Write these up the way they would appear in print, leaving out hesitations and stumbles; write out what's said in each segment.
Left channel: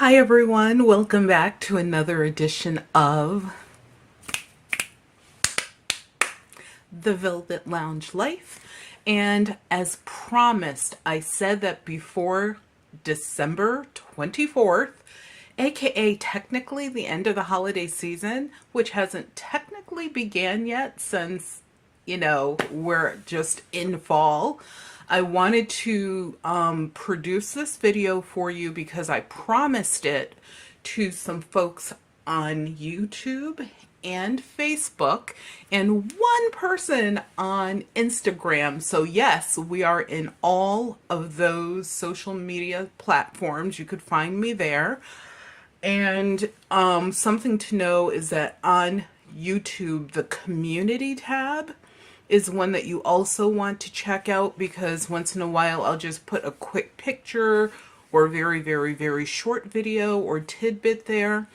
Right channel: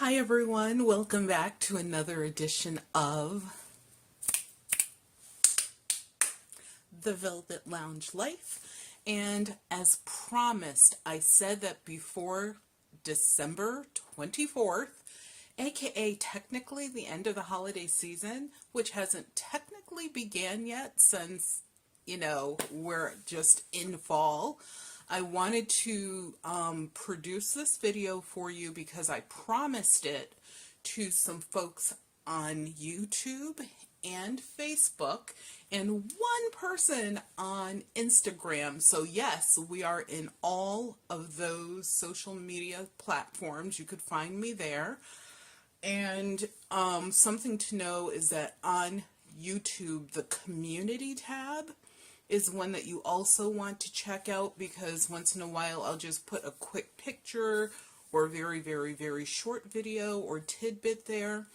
Hi everyone, welcome back to another edition of The Velvet Lounge Life. And as promised, I said that before December 24th, aka technically the end of the holiday season, which hasn't technically began yet since, we're just in fall. I wanted to produce this video for you because I promised it to some folks on YouTube and Facebook and one person on Instagram. So yes, we are in all of those social media platforms. You could find me there. And something to know is that on YouTube, the community tab is one that you also want to check out, because once in a while I'll just put a quick picture or very, very, very short video or tidbit there.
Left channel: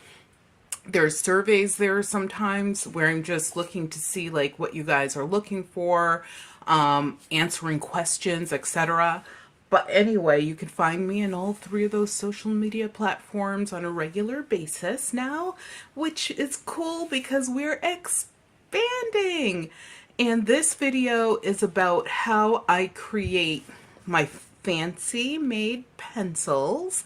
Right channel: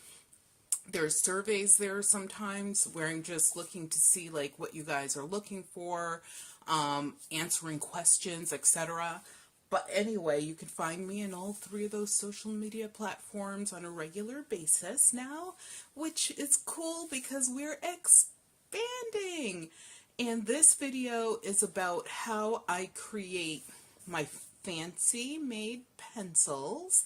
There's surveys there sometimes where I'm just looking to see like what you guys are looking for, answering questions, etc. But anyway, you can find me in all three of those social media platforms on a regular basis now, which is cool because we're expanding. And this video is about how I create my fancy made pencils.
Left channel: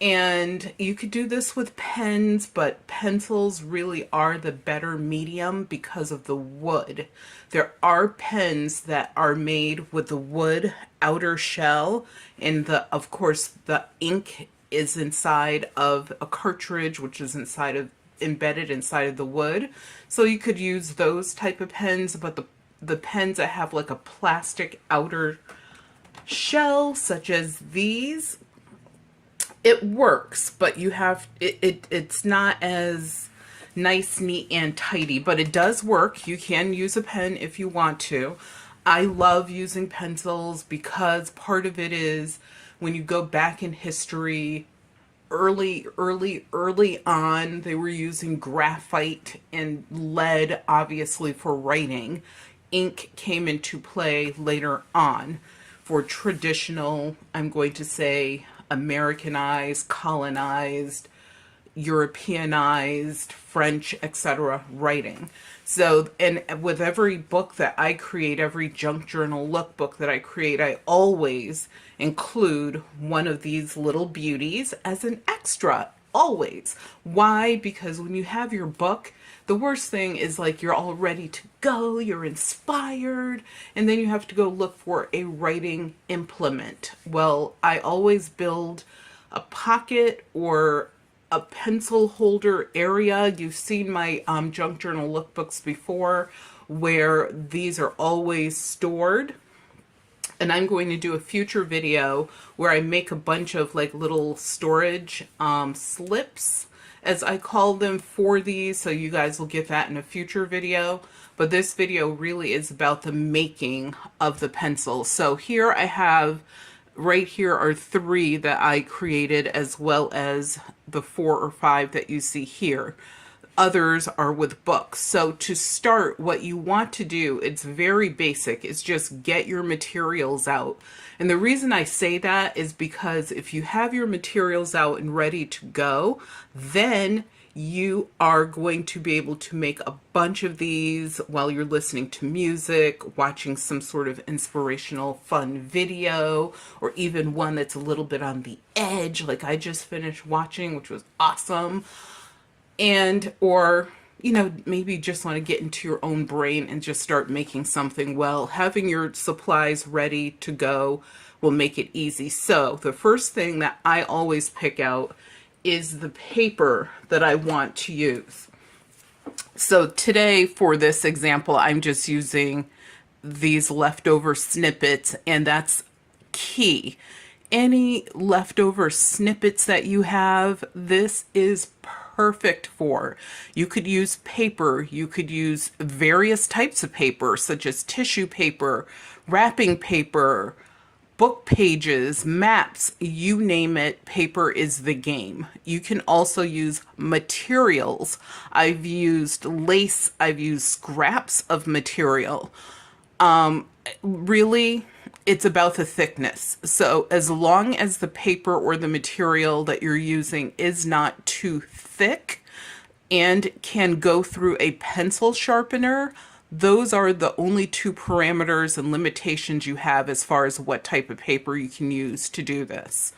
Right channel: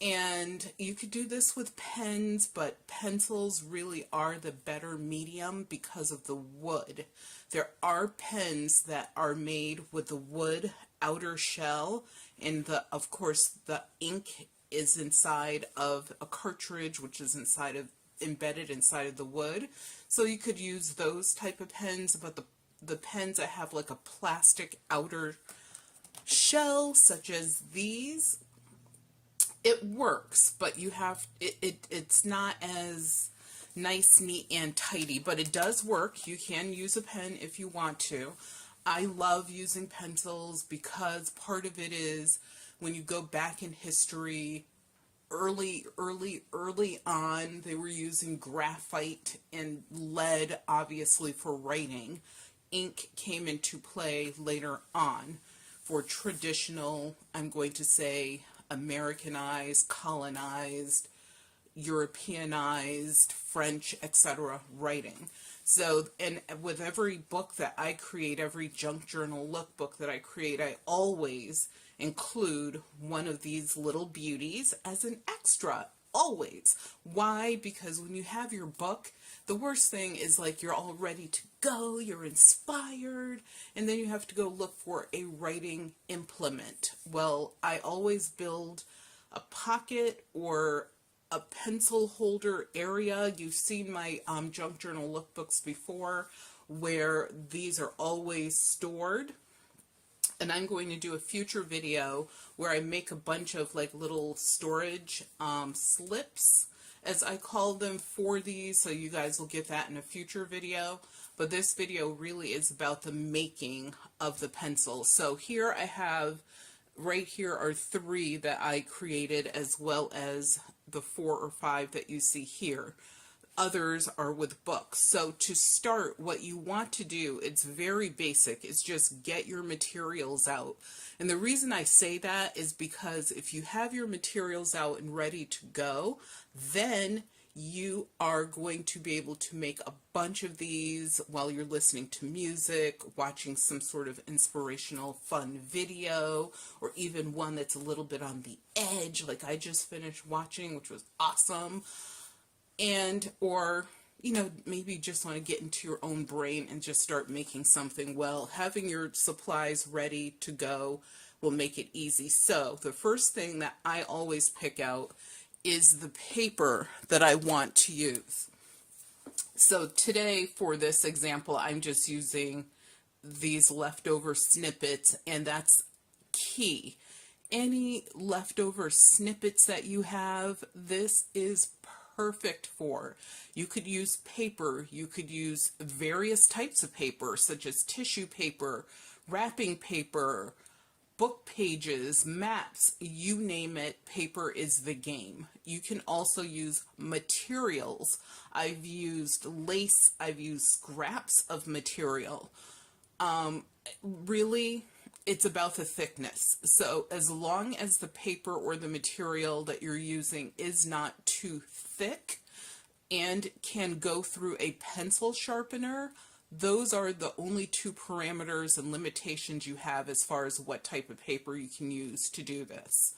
And you could do this with pens, but pencils really are the better medium because of the wood. There are pens that are made with the wood outer shell, and of course the ink is inside of a cartridge, which is embedded inside of the wood. So you could use those type of pens, but the pens that have like a plastic outer shell, such as these, it works, but it's not as nice, neat, and tidy, but it does work. You can use a pen if you want to. I love using pencils because part of it is when you go back in history, early on, they were using graphite and lead, obviously, for writing. Ink came into play later on for traditional, I'm going to say, Americanized, colonized, Europeanized, French, etc. writing. So, and with every book that I create, every junk journal lookbook that I create, I always include one of these little beauties as an extra, always. Why? Because when you have your book, the worst thing is like you're all ready to go, you're inspired, and then you have to go look for a writing implement. Well, I always build a pocket or a pencil holder area. You've seen my junk journal lookbooks before where these are always stored. And I'm going to do a future video where I make a bunch of like little storage slips, as I call them, for these. So you guys will get that in a future video. But this video really is about the making of the pencil. So here I have, right here are 3 that I created, as well as the 4 or 5 that you see here. Others are with books. So to start, what you want to do, it's very basic, it's just get your materials out. And the reason I say that is because if you have your materials out and ready to go, then you are going to be able to make a bunch of these while you're listening to music, watching some sort of inspirational fun video, or even one that's a little bit on the edge, like I just finished watching, which was awesome. And, or, maybe just want to get into your own brain and just start making something. Well, having your supplies ready to go will make it easy. So the first thing that I always pick out is the paper that I want to use. So today, for this example, I'm just using these leftover snippets, and that's key. Any leftover snippets that you have, this is perfect for. You could use paper, you could use various types of paper, such as tissue paper, wrapping paper, book pages, maps, you name it, paper is the game. You can also use materials. I've used lace, I've used scraps of material. Really, it's about the thickness. So as long as the paper or the material that you're using is not too thick and can go through a pencil sharpener, those are the only two parameters and limitations you have as far as what type of paper you can use to do this.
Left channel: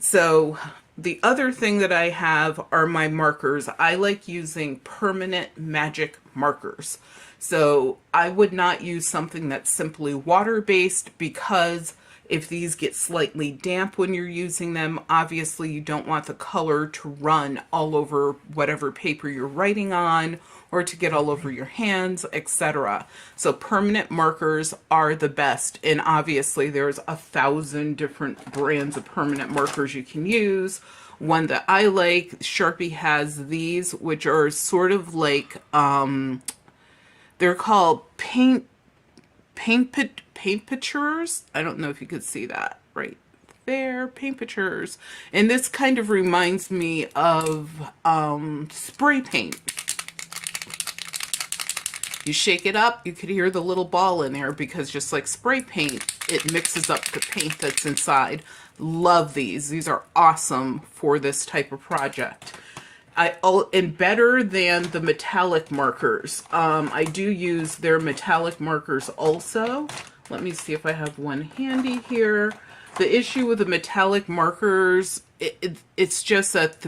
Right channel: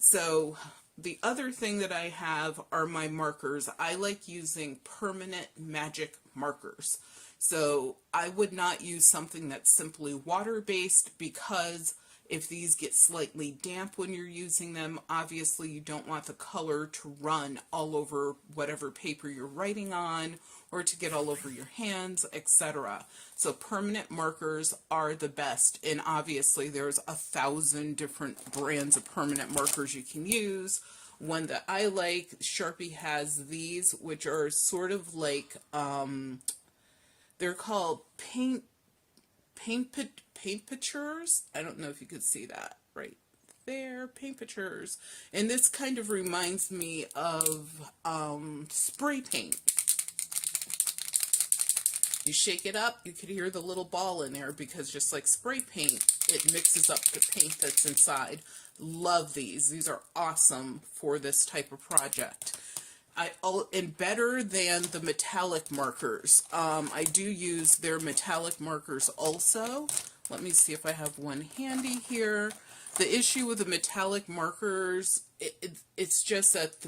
So the other thing that I have are my markers. I like using permanent magic markers. So I would not use something that's simply water-based, because if these get slightly damp when you're using them, obviously you don't want the color to run all over whatever paper you're writing on, or to get all over your hands, etc. So permanent markers are the best, and obviously there's 1,000 different brands of permanent markers you can use. One that I like, Sharpie has these, which are sort of like, they're called paint pictures. I don't know if you could see that right there, paint pictures. And this kind of reminds me of spray paint. You shake it up, you could hear the little ball in there, because just like spray paint, it mixes up the paint that's inside. Love these. These are awesome for this type of project. And better than the metallic markers. I do use their metallic markers also. Let me see if I have one handy here. The issue with the metallic markers, it's just that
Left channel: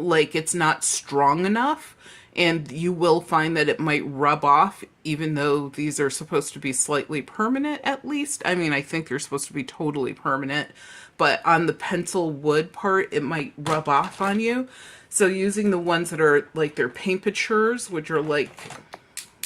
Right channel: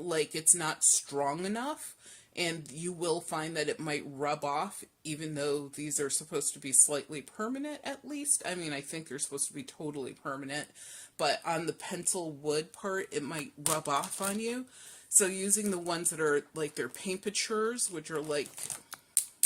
it's not strong enough. And you will find that it might rub off, even though these are supposed to be slightly permanent, at least. I mean, I think they're supposed to be totally permanent, but on the pencil wood part, it might rub off on you. So using the ones that are like their paint pictures, which are like,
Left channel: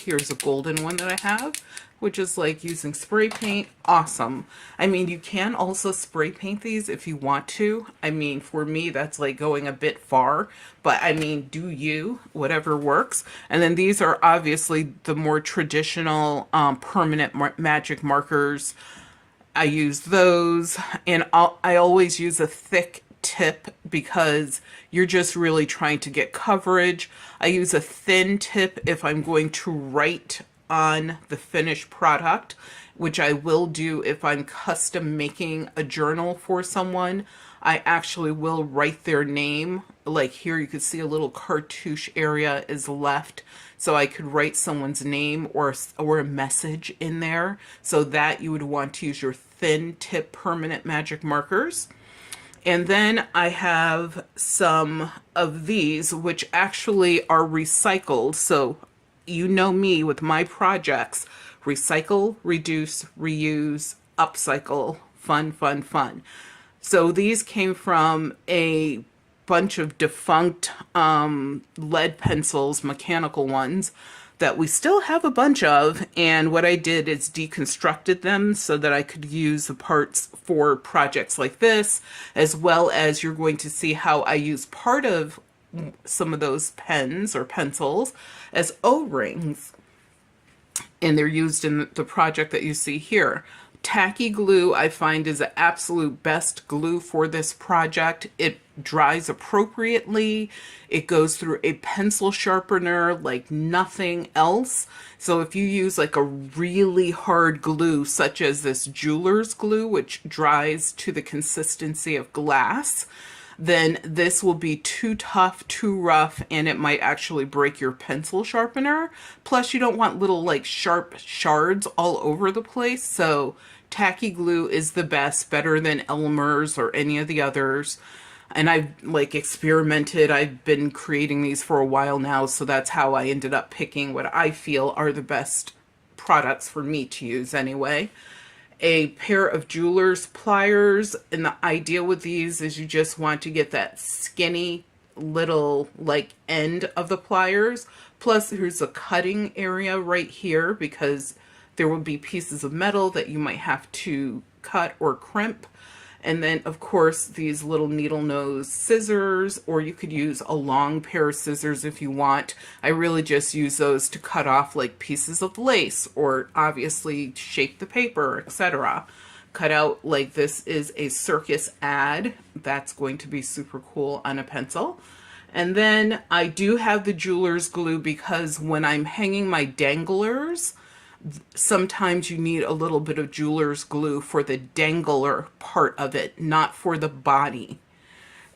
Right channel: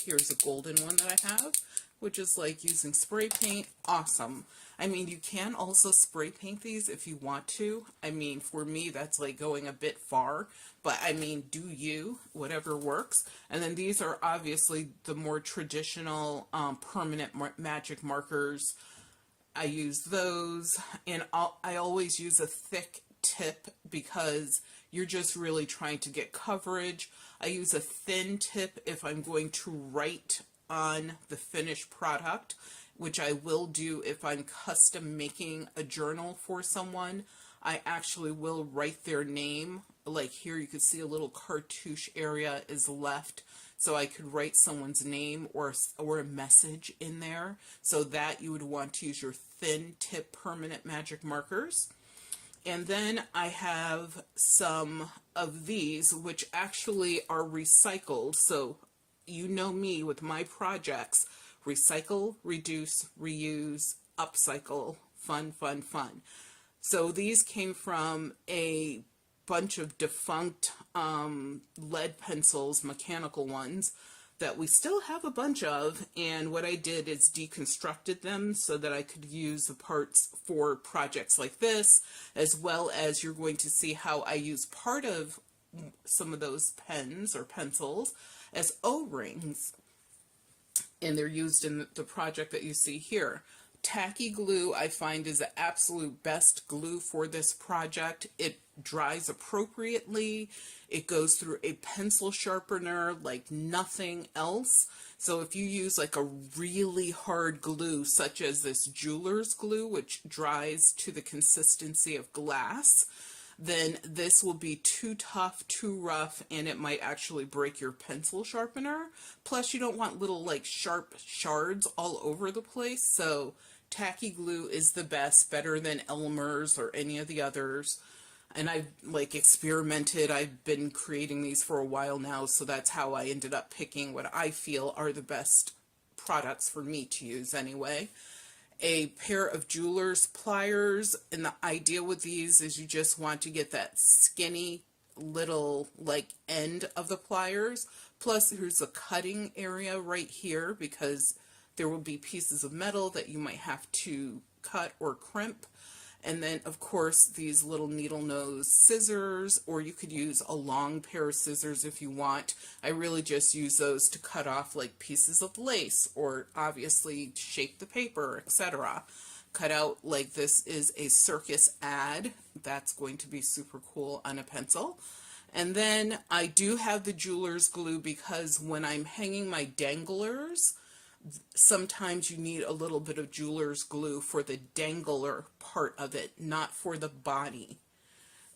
here's a golden one that I have, which is like using spray paint, awesome. I mean, you can also spray paint these if you want to. I mean, for me, that's like going a bit far, but I mean, do you, whatever works. And then these are obviously the more traditional permanent magic markers. I use those, and I always use a thick tip because you're just really trying to get coverage. I use a thin tip if I'm going to write on the finished product, which I will do if I'm custom making a journal for someone. I actually will write their name. Like here, you can see a little cartouche area is left, so I could write someone's name or a message in there. So that you would want to use your thin tip permanent magic markers. And then I have some of these, which actually are recycled. So you know me with my projects: recycle, reduce, reuse, upcycle, fun, fun, fun. So these came from a bunch of defunct lead pencils, mechanical ones, that we still have a bunch of. And what I did is deconstructed them so that I could use the parts for projects like this, as well as you're going to see how I use part of some of those pens or pencils as O-rings, and they're used in the project that you see here. Tacky glue, I find, is the absolute best glue for this project. It dries appropriately. It goes through a pencil sharpener like nothing else. So if you use like a really hard glue, such as this jeweler's glue, which dries to the consistency of glass, then this will be too tough, too rough, and it might actually break your pencil sharpener. Plus, you don't want little like sharp shards all over the place. So tacky glue is the best, better than Elmer's or any of the others. And I've like experimented. I've been creating these for a while now, so that's how I ended up picking what I feel are the best products for me to use anyway. A pair of jeweler's pliers, and the idea with these is you just want to get that skinny little like end of the pliers. Plus here's a cutting area right here, because there will be pieces of metal that you might have to cut or crimp. And then of course these little needle nose scissors, or you could use a long pair of scissors if you want. I really just use those to cut off like pieces of lace, or obviously shape the paper, etc. Cut out like this is a circus ad. That's going to be super cool on a pencil. And then I do have the jeweler's glue, because when I'm hanging my danglers, Sometimes you need a little bit of jeweler's glue for the dangler part of it, not for the body.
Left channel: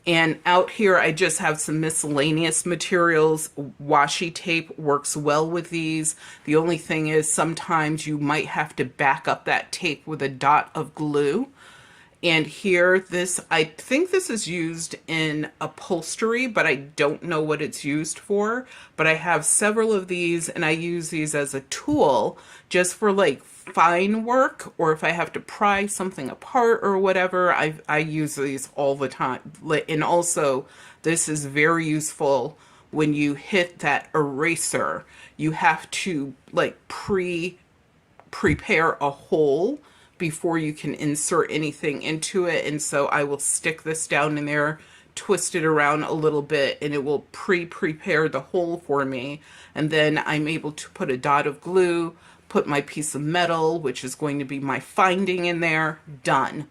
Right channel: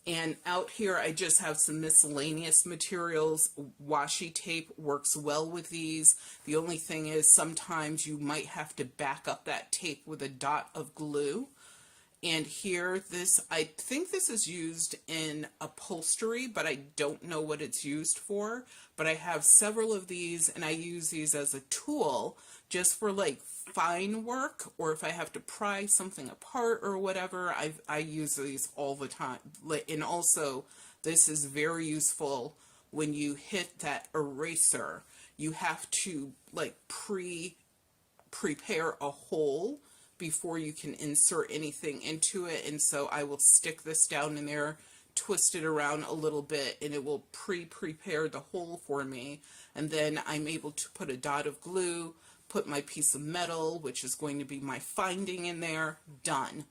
And out here, I just have some miscellaneous materials. Washi tape works well with these. The only thing is sometimes you might have to back up that tape with a dot of glue. And here, I think this is used in upholstery, but I don't know what it's used for. But I have several of these, and I use these as a tool just for like fine work, or if I have to pry something apart or whatever. I use these all the time. And also, this is very useful when you hit that eraser. You have to like prepare a hole before you can insert anything into it. And so I will stick this down in there, twist it around a little bit, and it will prepare the hole for me. And then I'm able to put a dot of glue, put my piece of metal, which is going to be my finding, in there. Done.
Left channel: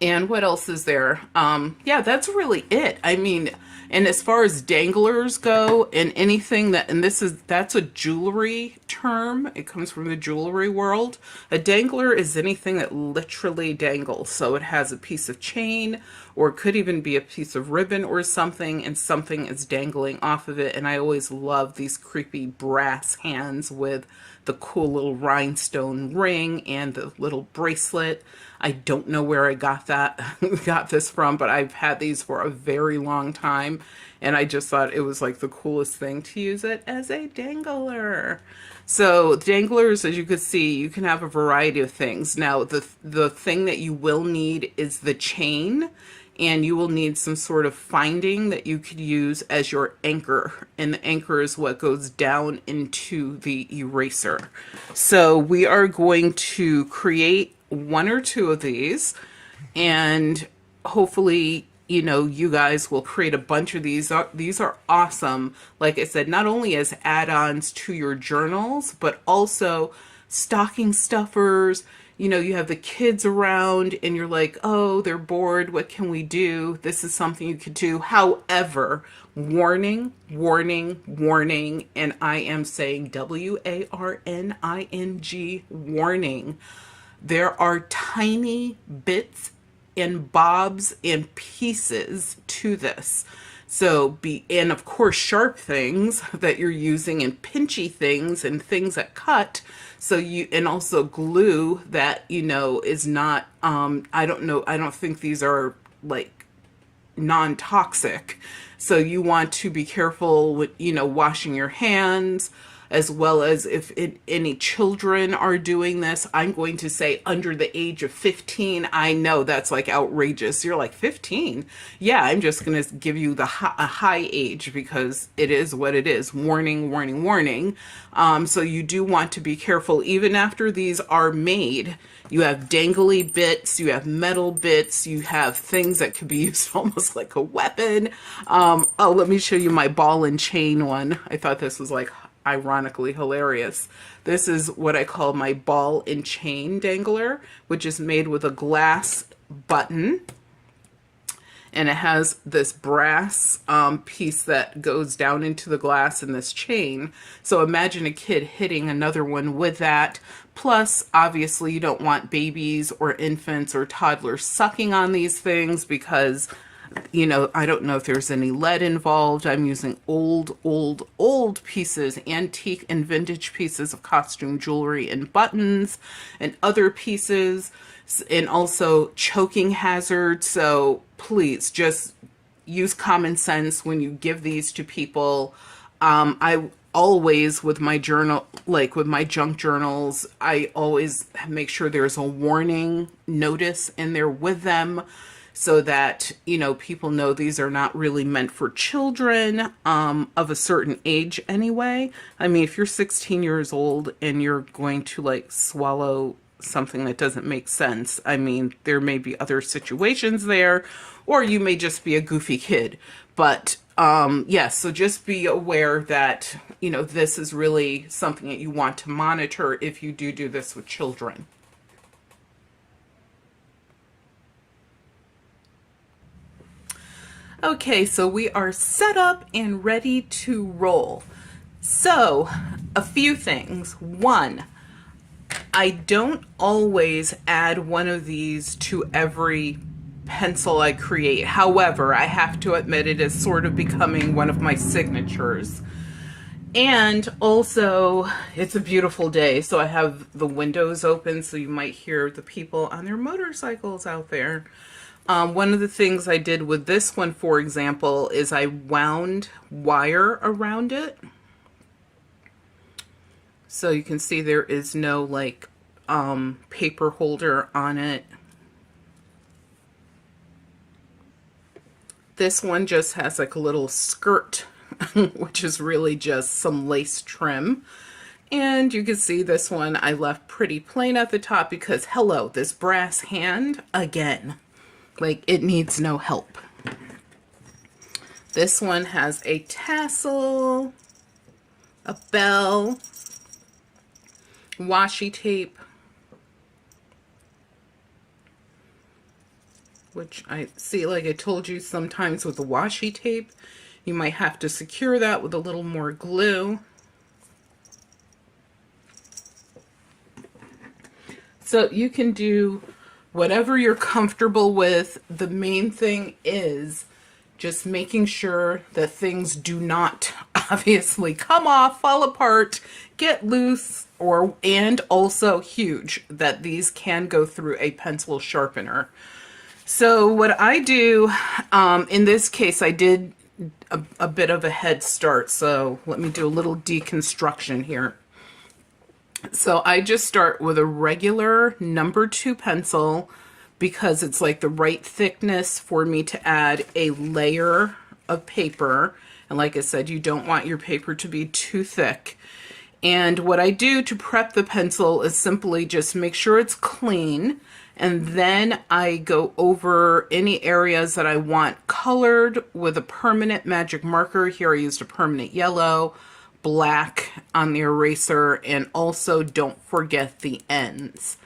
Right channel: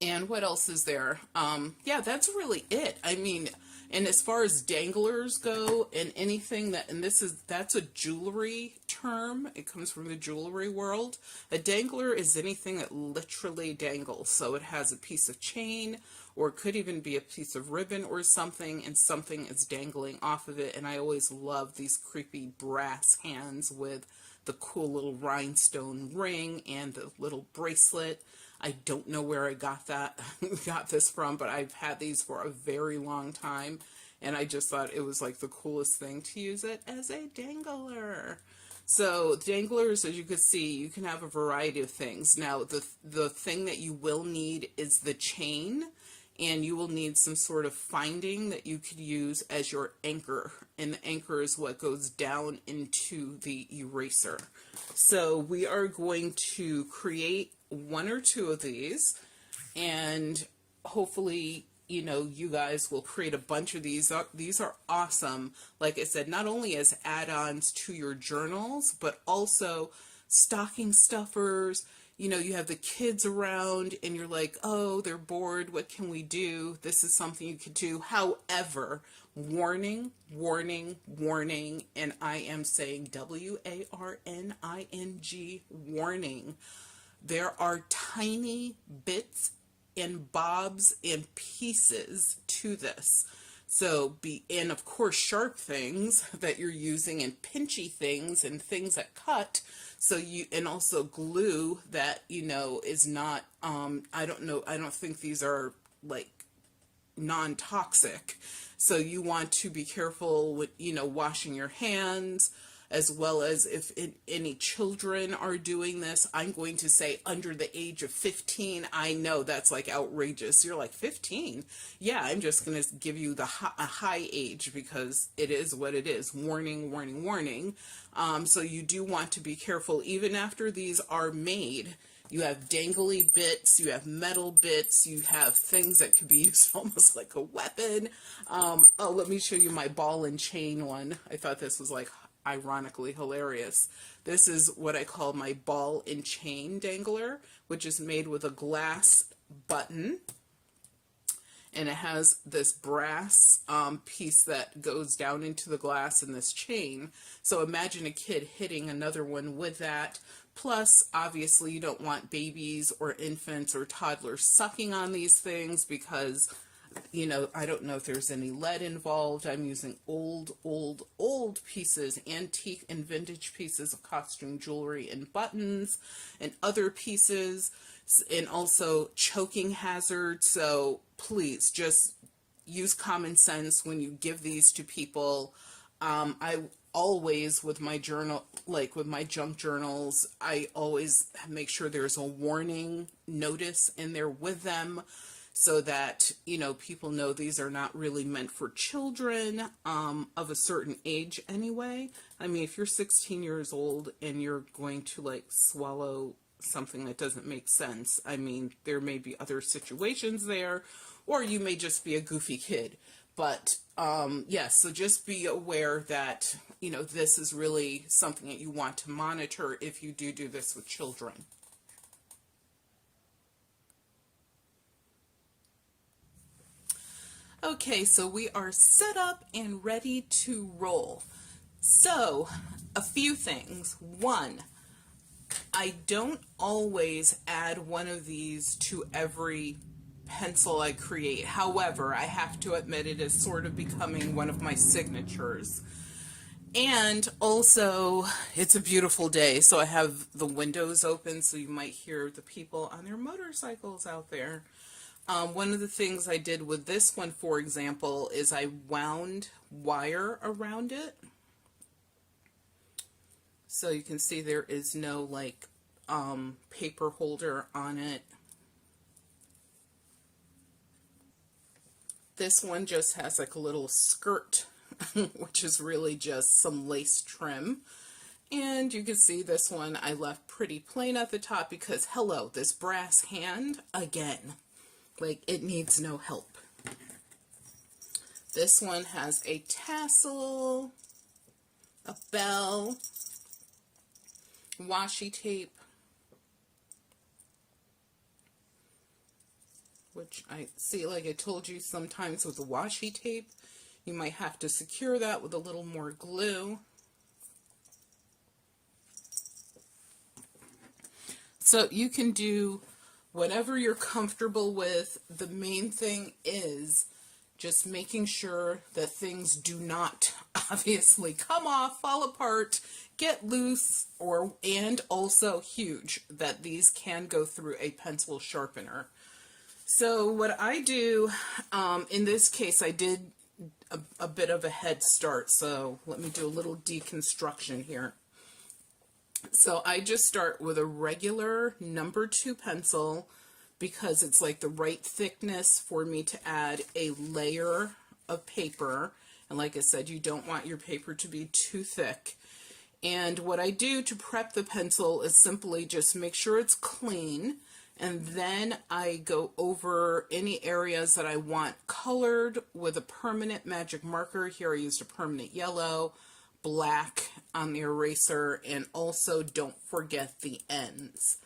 And what else is there? Yeah, that's really it. I mean, and as far as danglers go, and anything that's a jewelry term. It comes from the jewelry world. A dangler is anything that literally dangles. So it has a piece of chain, or it could even be a piece of ribbon or something, and something is dangling off of it. And I always love these creepy brass hands with the cool little rhinestone ring and the little bracelet. I don't know where I got this from, but I've had these for a very long time, and I just thought it was like the coolest thing to use it as a dangler. So danglers, as you can see, you can have a variety of things. Now, the thing that you will need is the chain, and you will need some sort of finding that you could use as your anchor. And the anchor is what goes down into the eraser. So we are going to create one or two of these, and hopefully, you know, you guys will create a bunch of these. These are awesome. Like I said, not only as add-ons to your journals, but also stocking stuffers. You know, you have the kids around and you're like, oh, they're bored. What can we do? This is something you could do. However, warning, warning, warning, and I am saying warning, warning. There are tiny bits and bobs and pieces to this. So and of course, sharp things that you're using, and pinchy things and things that cut. So and also glue that, you know, is not, I don't think these are like non-toxic. So you want to be careful with, you know, washing your hands, as well as if any children are doing this. I'm going to say under the age of 15. I know that's like outrageous. You're like, 15? Yeah, I'm just going to give you a high age because it is what it is. Warning, warning, warning. So you do want to be careful even after these are made. You have dangly bits, you have metal bits, you have things that could be used almost like a weapon. Oh, let me show you my ball and chain one. I thought this was like ironically hilarious. This is what I call my ball and chain dangler, which is made with a glass button, and it has this brass piece that goes down into the glass in this chain. So imagine a kid hitting another one with that. Plus, obviously, you don't want babies or infants or toddlers sucking on these things because, you know, I don't know if there's any lead involved. I'm using old pieces, antique and vintage pieces of costume jewelry and buttons and other pieces, and also choking hazards. So please just use common sense when you give these to people. I always, with my journal, like with my junk journals, I always make sure there's a warning notice in there with them, so that, you know, people know these are not really meant for children of a certain age anyway. I mean, if you're 16 years old and you're going to like swallow something that doesn't make sense, I mean, there may be other situations there, or you may just be a goofy kid. But yes, so just be aware that, you know, this is really something that you want to monitor if you do this with children. Okay, so we are set up and ready to roll. So, a few things. One, I don't always add one of these to every pencil I create. However, I have to admit it is sort of becoming one of my signatures. And also, it's a beautiful day, so I have the windows open, so you might hear the people on their motorcycles out there. One of the things I did with this one, for example, is I wound wire around it. So you can see there is no like paper holder on it. This one just has like a little skirt, which is really just some lace trim. And you can see this one I left pretty plain at the top because, hello, this brass hand, again, like it needs no help. This one has a tassel, a bell, washi tape, which I see, like I told you, sometimes with the washi tape, you might have to secure that with a little more glue. So you can do whatever you're comfortable with. The main thing is just making sure that things do not obviously come off, fall apart, get loose, and also huge, that these can go through a pencil sharpener. So what I do, in this case, I did a bit of a head start. So let me do a little deconstruction here. So I just start with a regular number 2 pencil because it's like the right thickness for me to add a layer of paper. And like I said, you don't want your paper to be too thick. And what I do to prep the pencil is simply just make sure it's clean. And then I go over any areas that I want colored with a permanent magic marker. Here I used a permanent yellow, black on the eraser, and also don't forget the ends.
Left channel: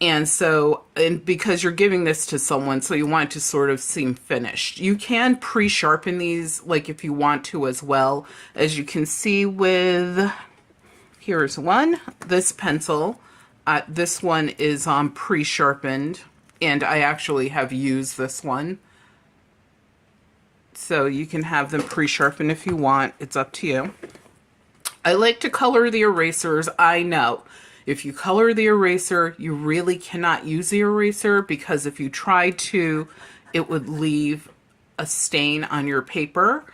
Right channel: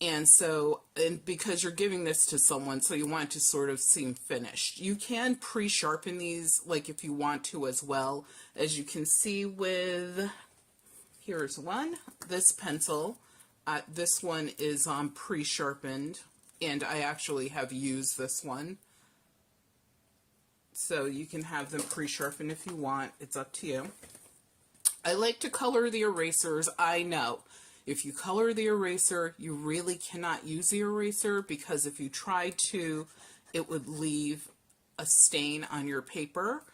And so, and because you're giving this to someone, so you want it to sort of seem finished. You can pre-sharpen these, like if you want to as well. As you can see with, here's one, this pencil. This one is pre-sharpened, and I actually have used this one. So you can have them pre-sharpened if you want. It's up to you. I like to color the erasers. I know if you color the eraser, you really cannot use the eraser, because if you try to, it would leave a stain on your paper.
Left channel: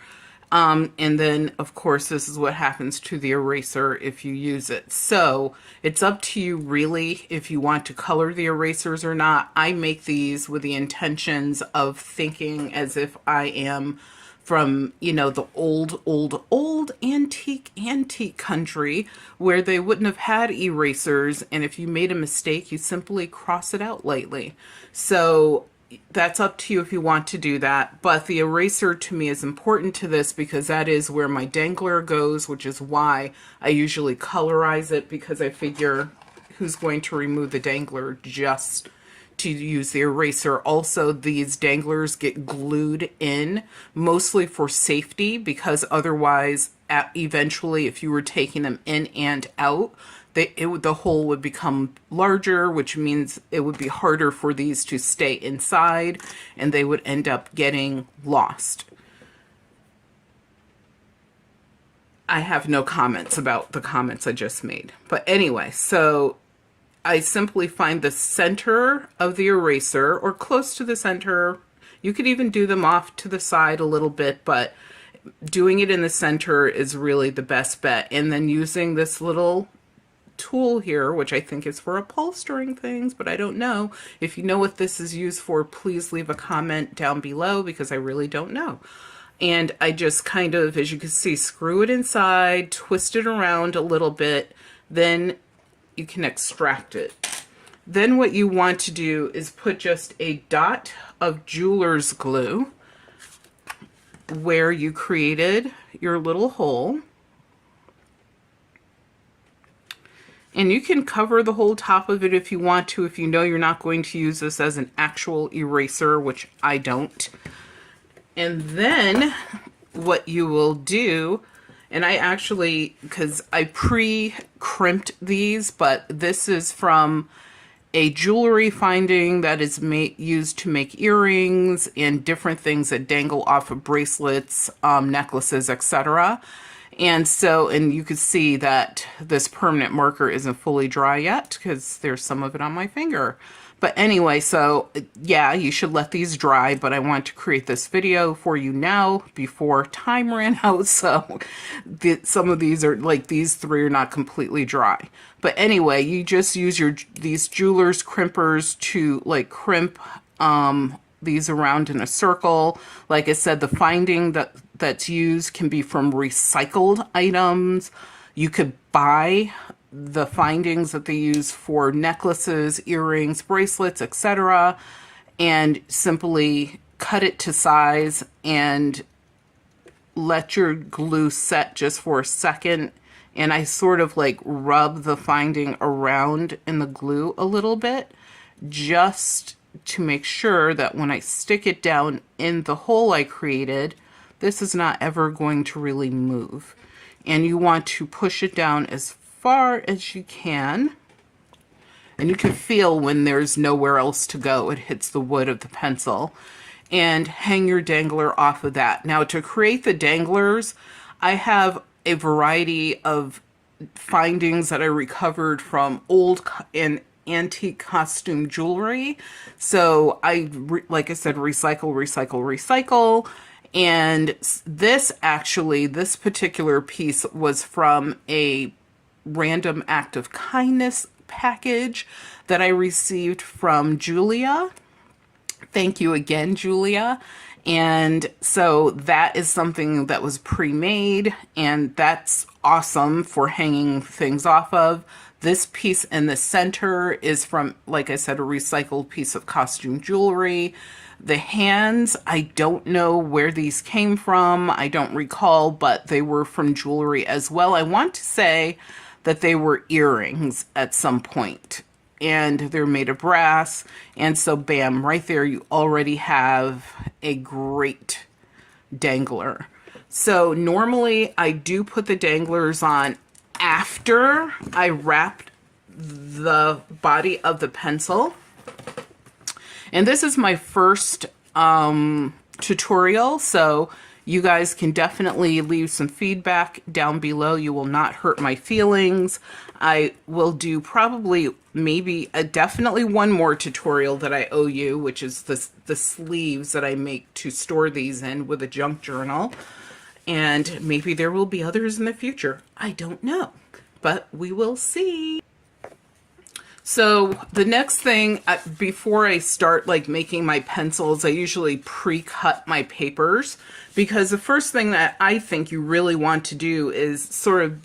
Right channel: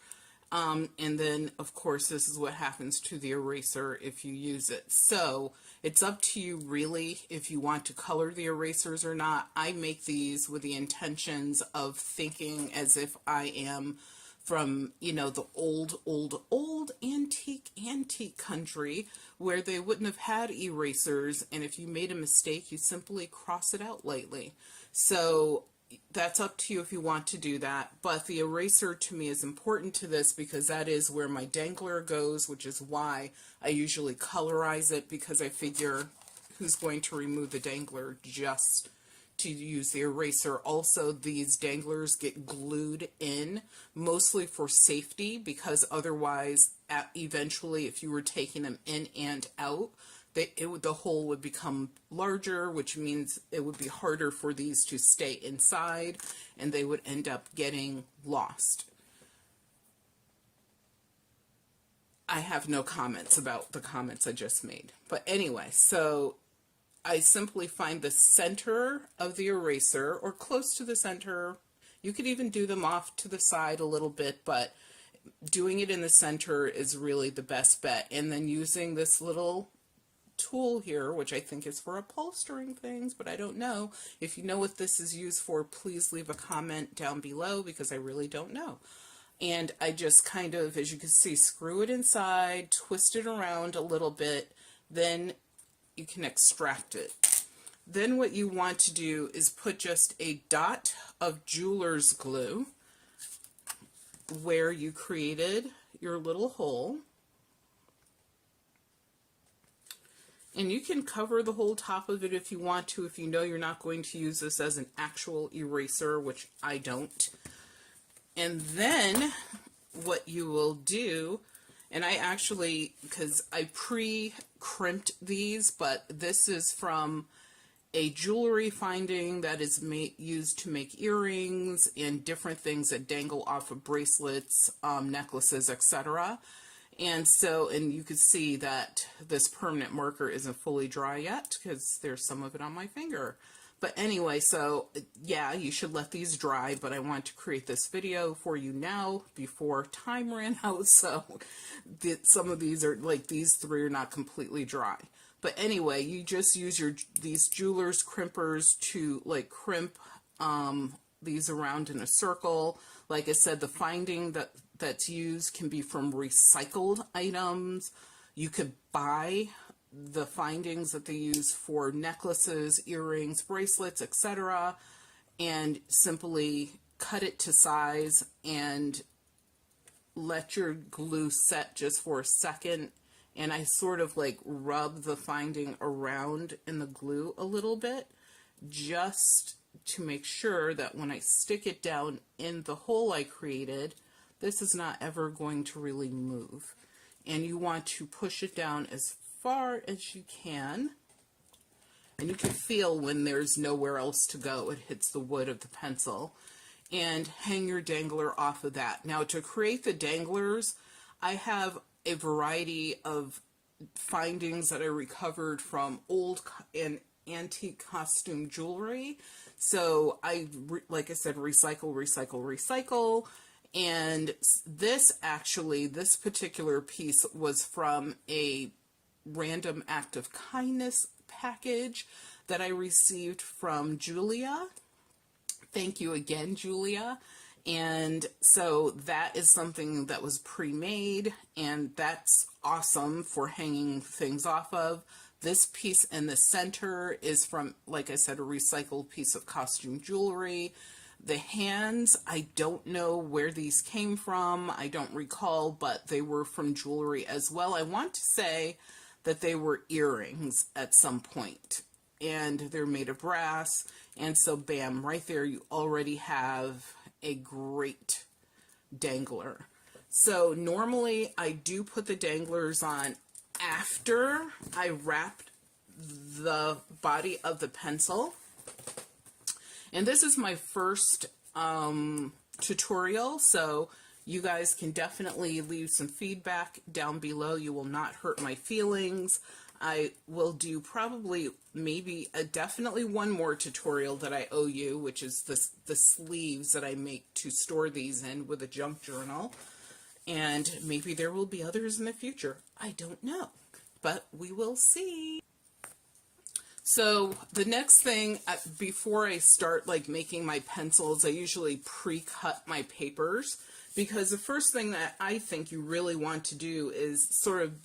And then, of course, this is what happens to the eraser if you use it. So it's up to you, really, if you want to color the erasers or not. I make these with the intentions of thinking as if I am from, you know, the old antique country where they wouldn't have had erasers. And if you made a mistake, you simply cross it out lightly. So that's up to you if you want to do that. But the eraser to me is important to this because that is where my Dangler goes, which is why I usually colorize it, because I figure who's going to remove the Dangler just to use the eraser. Also, these Danglers get glued in mostly for safety, because otherwise eventually if you were taking them in and out, the hole would become larger, which means it would be harder for these to stay inside, and they would end up getting lost. I have no comments about the comments I just made. But anyway, so I simply find the center of the eraser, or close to the center. You could even do them off to the side a little bit, but doing it in the center is really the best bet. And then using this little tool here, which I think is for upholstering things, but I don't know. If you know what this is used for, please leave a comment down below, because I really don't know. And I just kind of, as you can see, screw it inside, twist it around a little bit, then you can extract it. Then what you want to do is put just a dot of jeweler's glue where you created your little hole. And you can cover the whole top of it if you want to, if you know you're not going to use this as an actual eraser, which I don't. And then what you will do, And I actually, because I pre-crimped these, but this is from a jewelry finding that is used to make earrings and different things that dangle off of bracelets, necklaces, etc. And so, and you can see that this permanent marker isn't fully dry yet because there's some of it on my finger. But anyway, so yeah, you should let these dry, but I want to create this video for you now before time ran out. So some of these are, like these three are not completely dry. But anyway, you just use these jeweler's crimpers to like crimp these around in a circle. Like I said, the finding that's used can be from recycled items. You could buy the findings that they use for necklaces, earrings, bracelets, etc., and simply cut it to size and let your glue set just for a second. And I sort of like rub the finding around in the glue a little bit just to make sure that when I stick it down in the hole I created, this is not ever going to really move. And you want to push it down as far as you can, and you can feel when there's nowhere else to go, it hits the wood of the pencil, and hang your dangler off of that. Now, to create the danglers, I have a variety of findings that I recovered from old and antique costume jewelry. So like I said, recycle. And this particular piece was from a random act of kindness package that I received from Julia. Thank you again, Julia. And so that is something that was pre-made, and that's awesome for hanging things off of. This piece in the center is from, like I said, a recycled piece of costume jewelry. The hands, I don't know where these came from. I don't recall, but they were from jewelry as well. I want to say that they were earrings at some point, and they're made of brass. And so bam, right there you already have a great dangler. So normally I do put the danglers on after I wrapped the body of the pencil. And this is my first tutorial, so you guys can definitely leave some feedback down below. You will not hurt my feelings. I will do probably definitely one more tutorial that I owe you, which is the sleeves that I make to store these in with a junk journal. And maybe there will be others in the future. I don't know, but we will see. So the next thing, before I start like making my pencils, I usually pre-cut my papers, because the first thing that I think you really want to do is sort of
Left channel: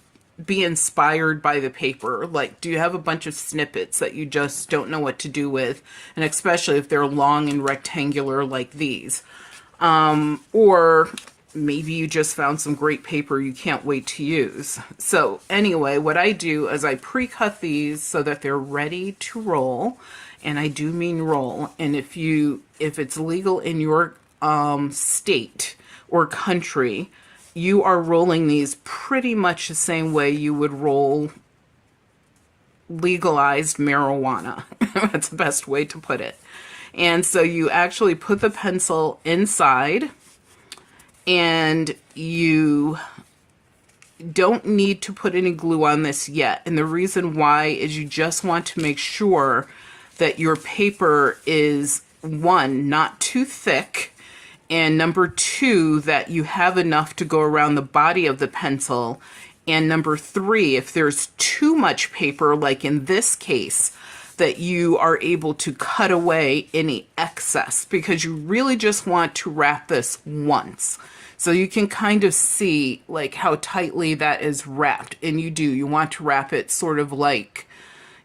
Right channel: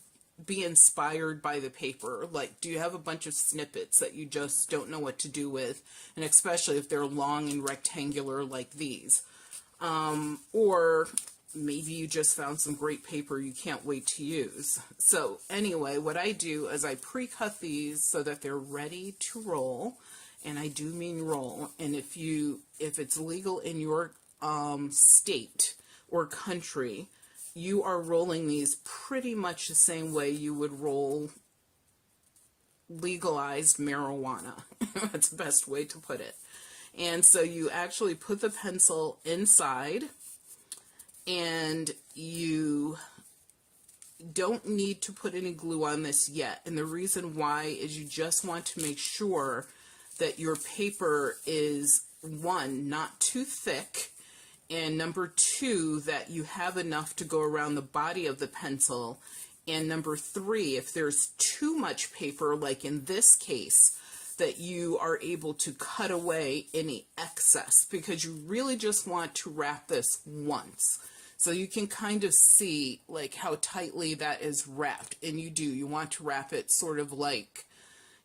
be inspired by the paper. Like, do you have a bunch of snippets that you just don't know what to do with? And especially if they're long and rectangular like these. Or maybe you just found some great paper you can't wait to use. So anyway, what I do is I pre-cut these so that they're ready to roll. And I do mean roll. And if it's legal in your state or country, you are rolling these pretty much the same way you would roll legalized marijuana. That's the best way to put it. And so you actually put the pencil inside, and you don't need to put any glue on this yet. And the reason why is you just want to make sure that your paper is, one, not too thick, and number two, that you have enough to go around the body of the pencil. And number three, if there's too much paper, like in this case, that you are able to cut away any excess, because you really just want to wrap this once. So you can kind of see like how tightly that is wrapped. And you want to wrap it sort of like,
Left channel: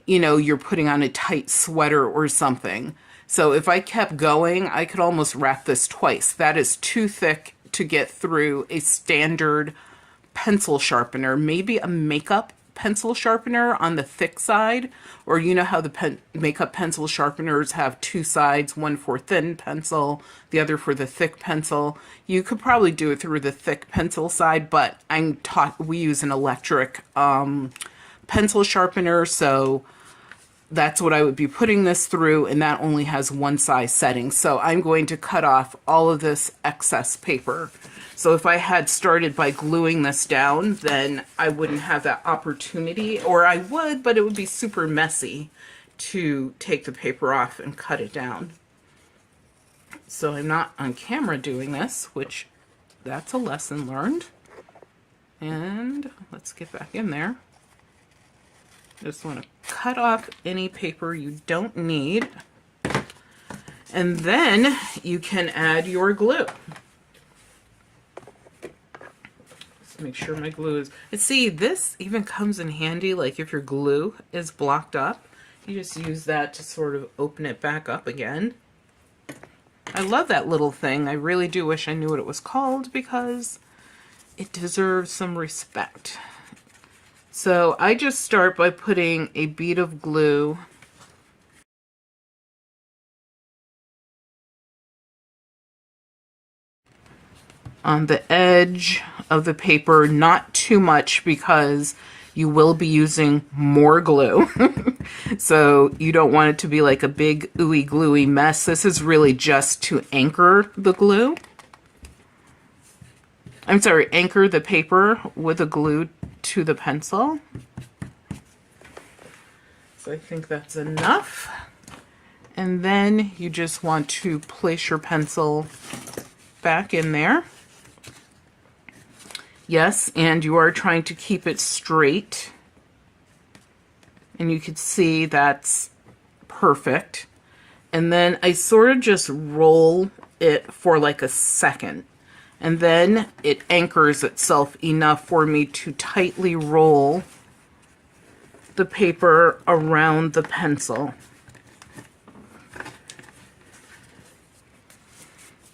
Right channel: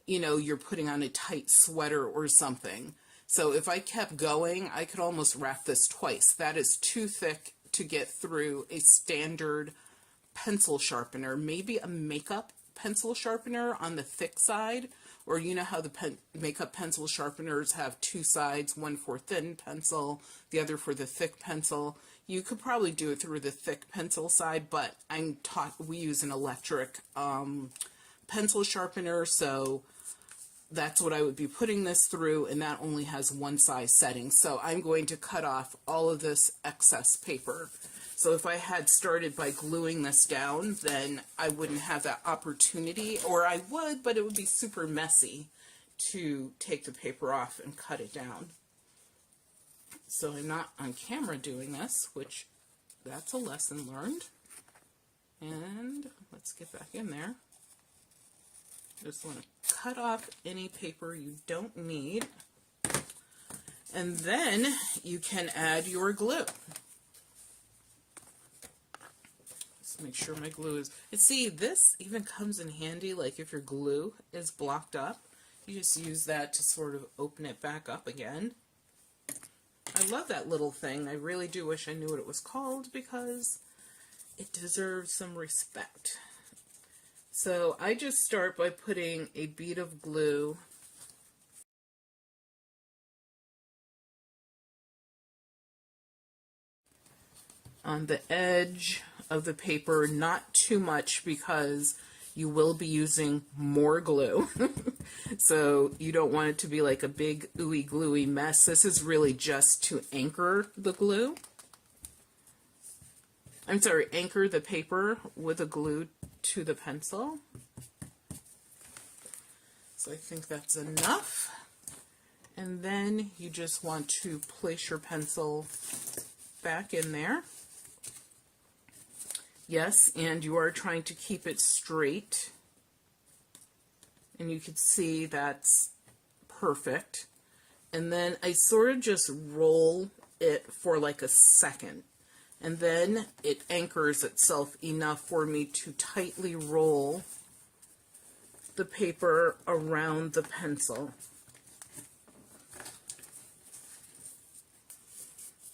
you know, you're putting on a tight sweater or something. So if I kept going, I could almost wrap this twice. That is too thick to get through a standard pencil sharpener, maybe a makeup pencil sharpener on the thick side, or you know how the makeup pencil sharpeners have two sides, one for thin pencil, the other for the thick pencil. You could probably do it through the thick pencil side, but we use an electric pencil sharpener, so that's what I would be putting this through, and that only has one size setting. So I'm going to cut off all of this excess paper. So if I had started by gluing this down, then I wouldn't have that opportunity, or I would, but it would be super messy to take the paper off and cut it down. So I'm not on camera doing this, which that's a lesson learned. And let's get back in there. Just want to cut off any paper you don't need. And then you can add your glue. Make sure my glue is, and see, this even comes in handy, like if your glue is blocked up, you just use that to sort of open it back up again. I love that little thing. I really do wish I knew what it was called because it deserves some respect. So I just start by putting a bead of glue on the edge of the paper, not too much because you will be using more glue. So you don't want it to be like a big ooey gluey mess. This is really just to anchor the glue. I'm sorry, anchor the paper with the glue to the pencil. So I think that's enough. And then you just want to place your pencil back in there. Yes, and you are trying to keep it straight. And you can see that's perfect. And then I sort of just roll it for like a second. And then it anchors itself enough for me to tightly roll the paper around the pencil.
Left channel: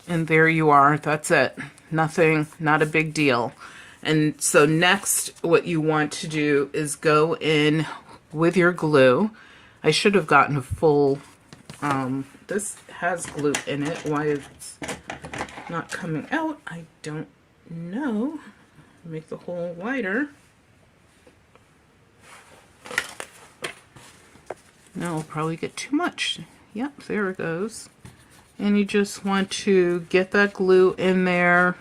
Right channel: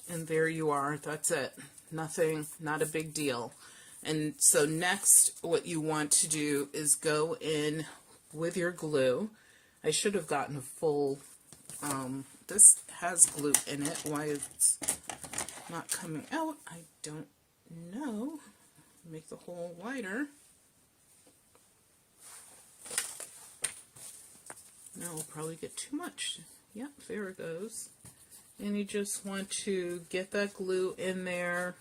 And there you are. That's it. Nothing, not a big deal. And so next, what you want to do is go in with your glue. I should have gotten a full, this has glue in it. Why it's not coming out, I don't know. Make the hole wider. No, I'll probably get too much. Yep, there it goes. And you just want to get that glue in there.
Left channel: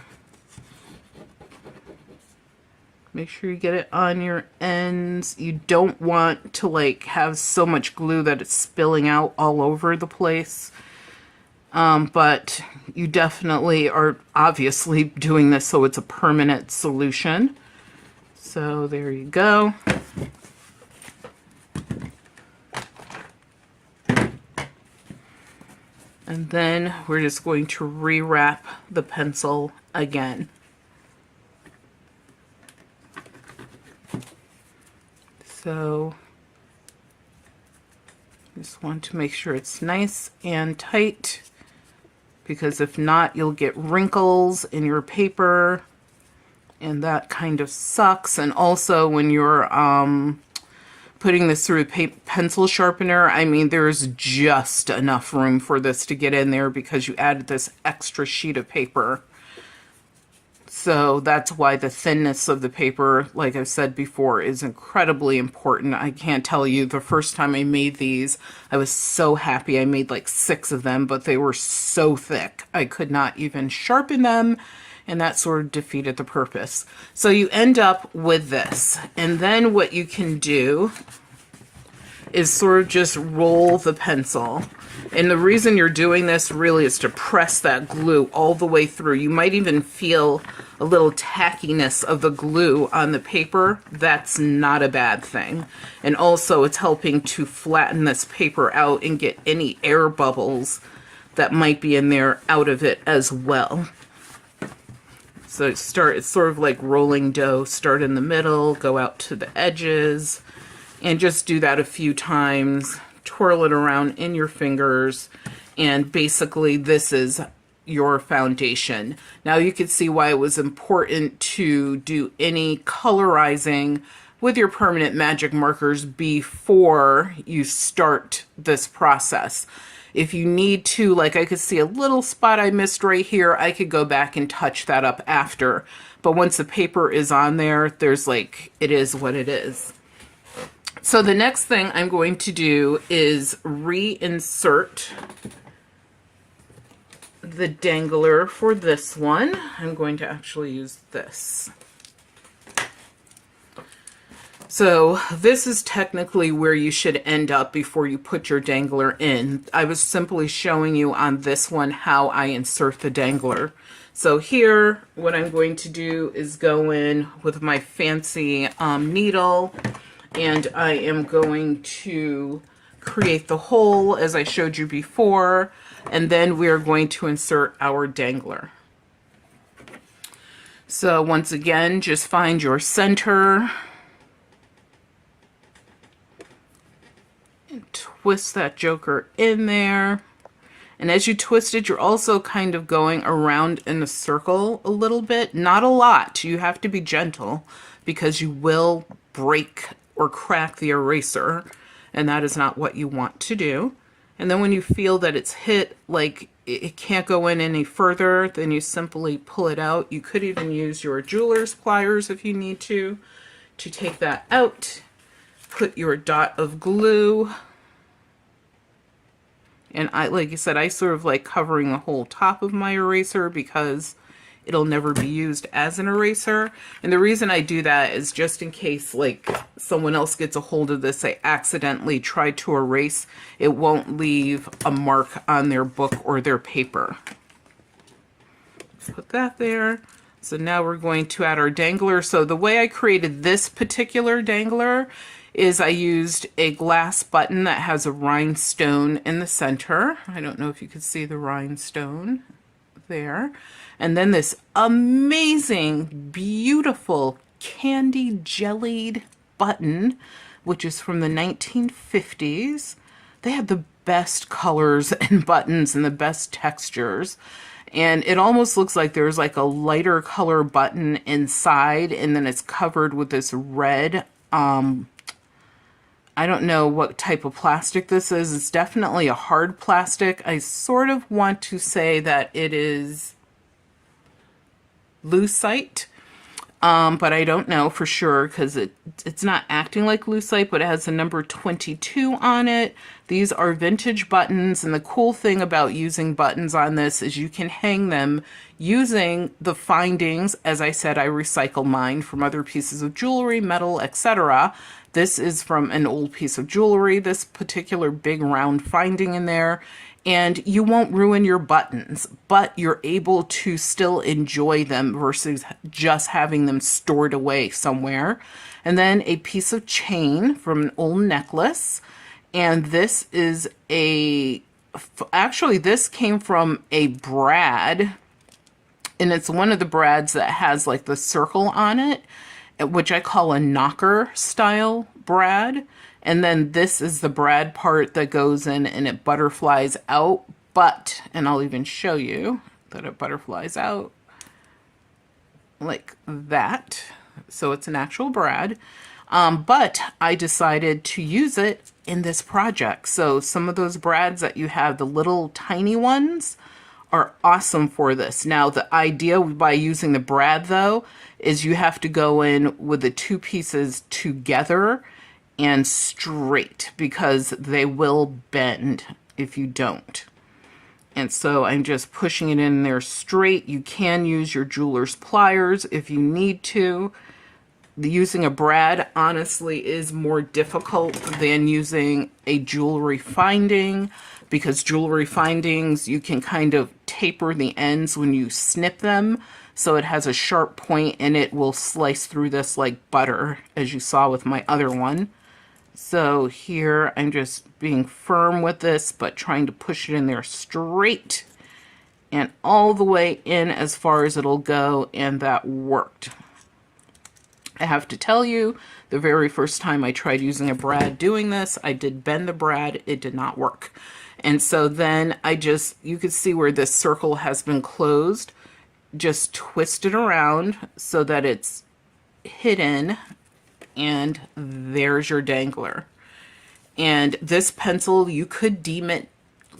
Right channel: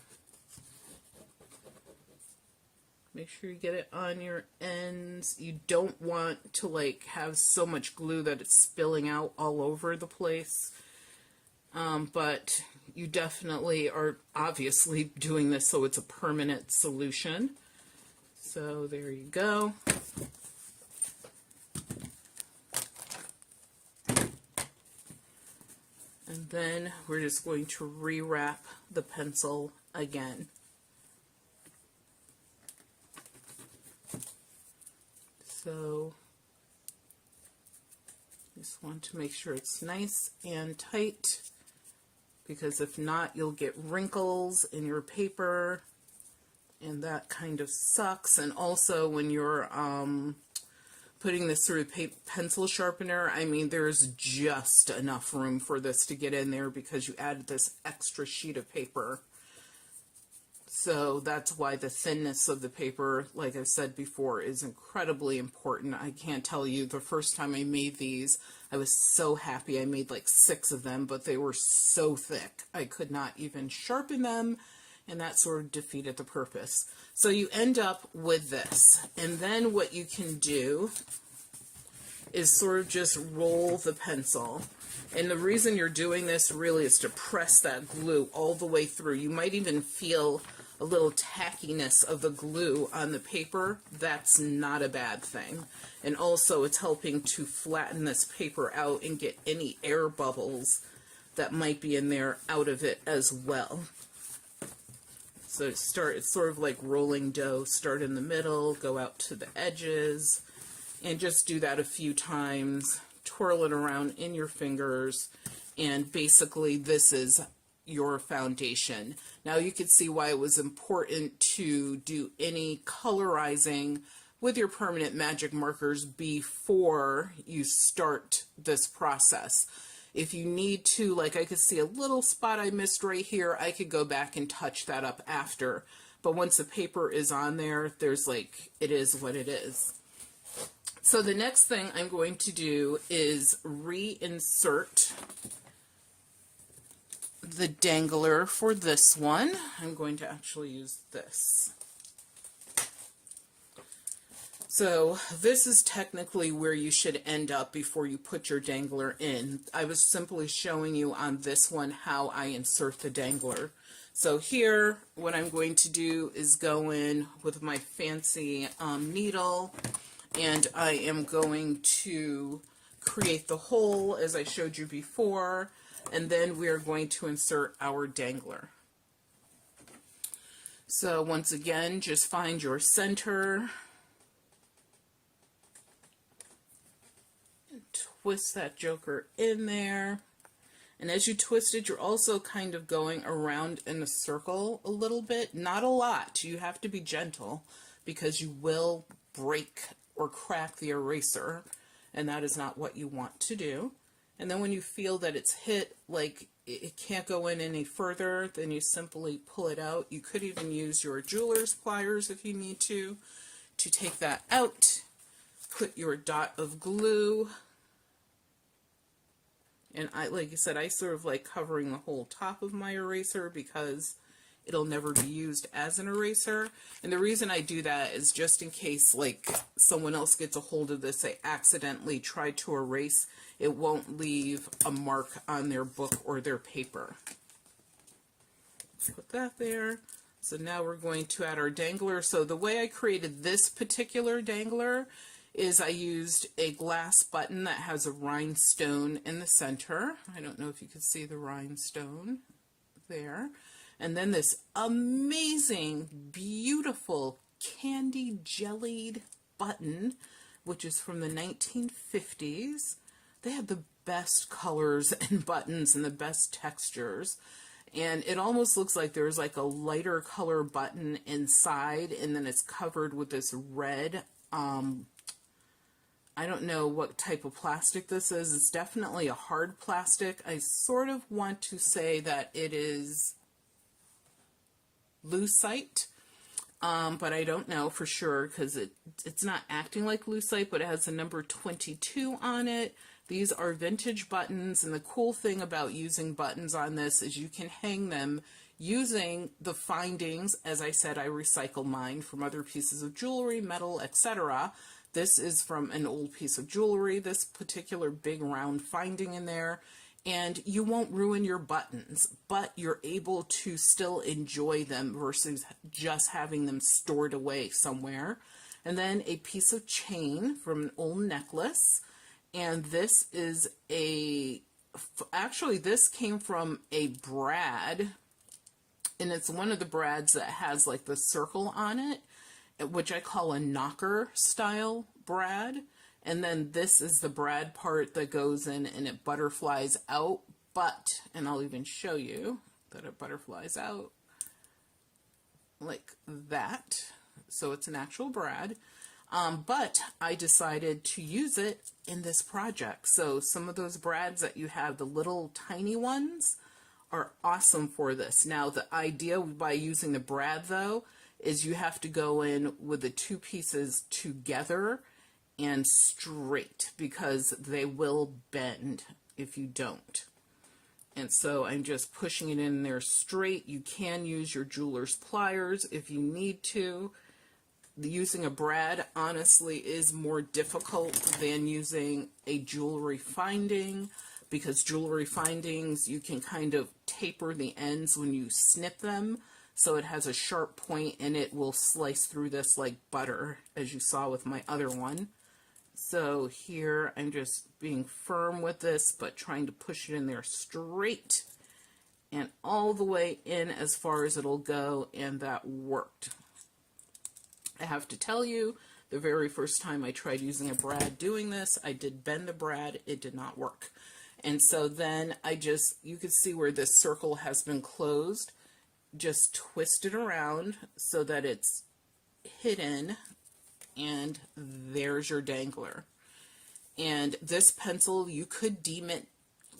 Make sure you get it on your ends. You don't want to like have so much glue that it's spilling out all over the place. But you definitely are obviously doing this so it's a permanent solution. So there you go. And then we're just going to rewrap the pencil again. So just want to make sure it's nice and tight, because if not, you'll get wrinkles in your paper, and that kind of sucks. And also when you're putting this through a pencil sharpener, I mean, there's just enough room for this to get in there because you added this extra sheet of paper. So that's why the thinness of the paper, like I've said before, is incredibly important. I can't tell you, the first time I made these, I was so happy. I made like 6 of them, but they were so thick. I could not even sharpen them, and that sort of defeated the purpose. So you end up with this. And then what you can do is sort of just roll the pencil. And the reason you're doing this really is to press that glue all the way through. You might even feel a little tackiness of the glue on the paper. That's not a bad thing. And also it's helping to flatten this paper out and get any air bubbles that might be in there out of it as well. So it's sort of like rolling dough. Start in the middle, go out to the edges, and just do that a few times. Twirl it around in your fingers, and basically this is your foundation. Now you can see why it was important to do any colorizing with your permanent magic markers before you start this process. If you need to, like I could see a little spot I missed right here, I could go back and touch that up after. But once the paper is on there, there's like, it is what it is. So the next thing I'm going to do is reinsert the dangler for this one. I'm going to actually use this. So this is technically where you should end up before you put your dangler in. I was simply showing you on this one how I insert the dangler. So here, what I'm going to do is go in with my fancy needle, and I am going to create the hole as I showed you before, and then we're going to insert our dangler. So once again, just find your center and twist that joker in there. And as you twist it, you're also kind of going around in a circle a little bit. Not a lot. You have to be gentle because you will break or crack the eraser, and that is not what you want to do. And then when you feel that it's hit, like it can't go in any further, then you simply pull it out. You could even use your jeweler's pliers if you need to take that out. Put your dot of glue. And I, like I said, I sort of like covering the whole top of my eraser because it'll never be used as an eraser. And the reason I do that is just in case like someone else gets a hold of this, they accidentally try to erase, it won't leave a mark on their book or their paper. Put that there. So now we're going to add our dangler. So the way I created this particular dangler is I used a glass button that has a rhinestone in the center. I don't know if you could see the rhinestone there. And then this amazing, beautiful candy jellied button, which is from the 1950s. They had the best colors and buttons and the best textures. And it almost looks like there's like a lighter color button inside, and then it's covered with this red, I don't know what type of plastic this is. It's definitely a hard plastic. I sort of want to say that it is lucite, but I don't know for sure because it's not acting like lucite, but it has the number 22 on it. These are vintage buttons, and the cool thing about using buttons on this is you can hang them using the findings. As I said, I recycle mine from other pieces of jewelry, metal, etc. This is from an old piece of jewelry, this particular big round finding in there, and you won't ruin your buttons, but you're able to still enjoy them versus just having them stored away somewhere. And then a piece of chain from an old necklace, and this is actually this came from a brad, and it's one of the brads that has like the circle on it, which I call a knocker style brad. And then this is the brad part that goes in and it butterflies out. But, and I'll even show you that it butterflies out like that. So it's an actual brad. But I decided to use it in this project. So some of those brads that you have, the little tiny ones, are awesome for this. Now, the idea by using the brad, though, is you have to go in with the two pieces together and straight because they will bend if you don't. And so I'm just pushing it in there straight. You can use your jeweler's pliers if you need to. Using a brad, honestly, is more difficult than using a jewelry finding, because jewelry findings, you can kind of taper the ends when you snip them, so it has a sharp point and it will slice through this like butter, as you saw with my other one. So here I'm just being firm with this, but trying to push it in there straight and all the way in as far as it'll go, and that worked. I have to tell you, the very first time I tried using a brad doing this, I did bend the brad, it did not work. And so then you could see where this circle has been closed, just twist it around so that it's hidden, and there's your Dangler. And this pencil, you could deem it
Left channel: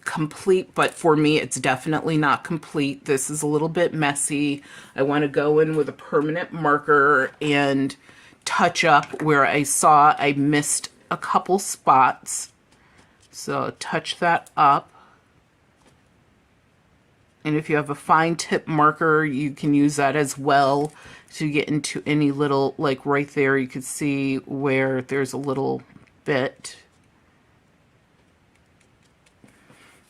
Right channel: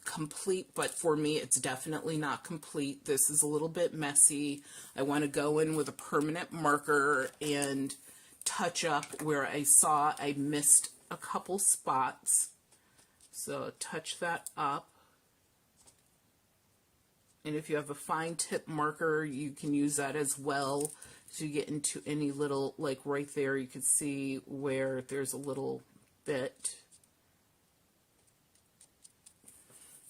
complete, but for me, it's definitely not complete. This is a little bit messy. I want to go in with a permanent marker and touch up where I saw I missed a couple spots. So touch that up. And if you have a fine tip marker, you can use that as well to get into any little, like right there, you can see where there's a little bit.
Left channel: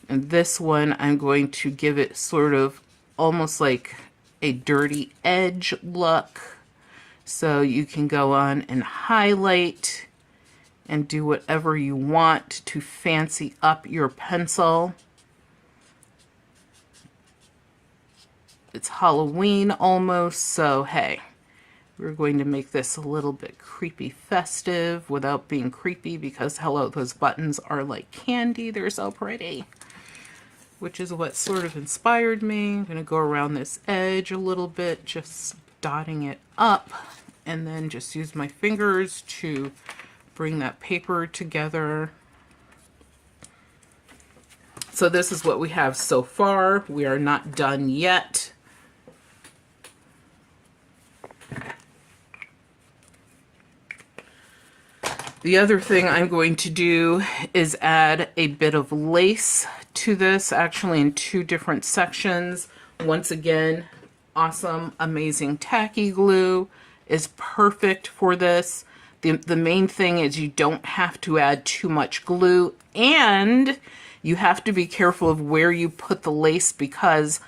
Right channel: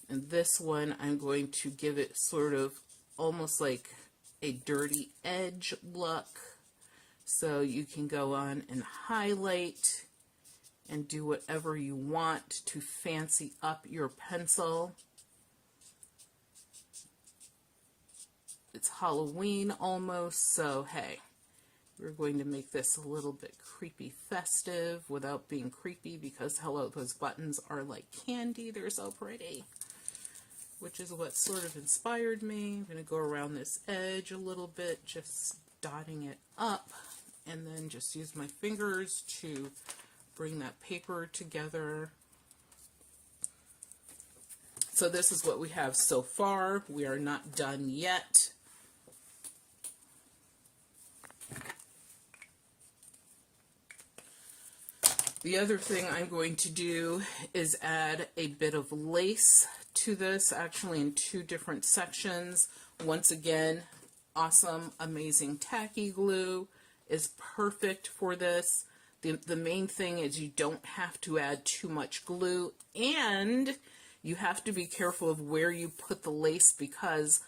And this one, I'm going to give it sort of almost like a dirty edge look. So you can go on and highlight and do whatever you want to fancy up your pencil. It's Halloween almost, so hey, we're going to make this a little bit creepy festive without being creepy, because hello, those buttons are like candy. They're so pretty. Which is what sort of inspired me. I'm going to go around this edge a little bit, just dotting it up, and then just use my fingers to bring that paper together. So this is what we have so far. We are not done yet. The other thing I'm going to do is add a bit of lace to this, actually in two different sections. Once again, awesome, amazing tacky glue is perfect for this. The main thing is you don't have to add too much glue, and you have to be careful of where you put the lace, because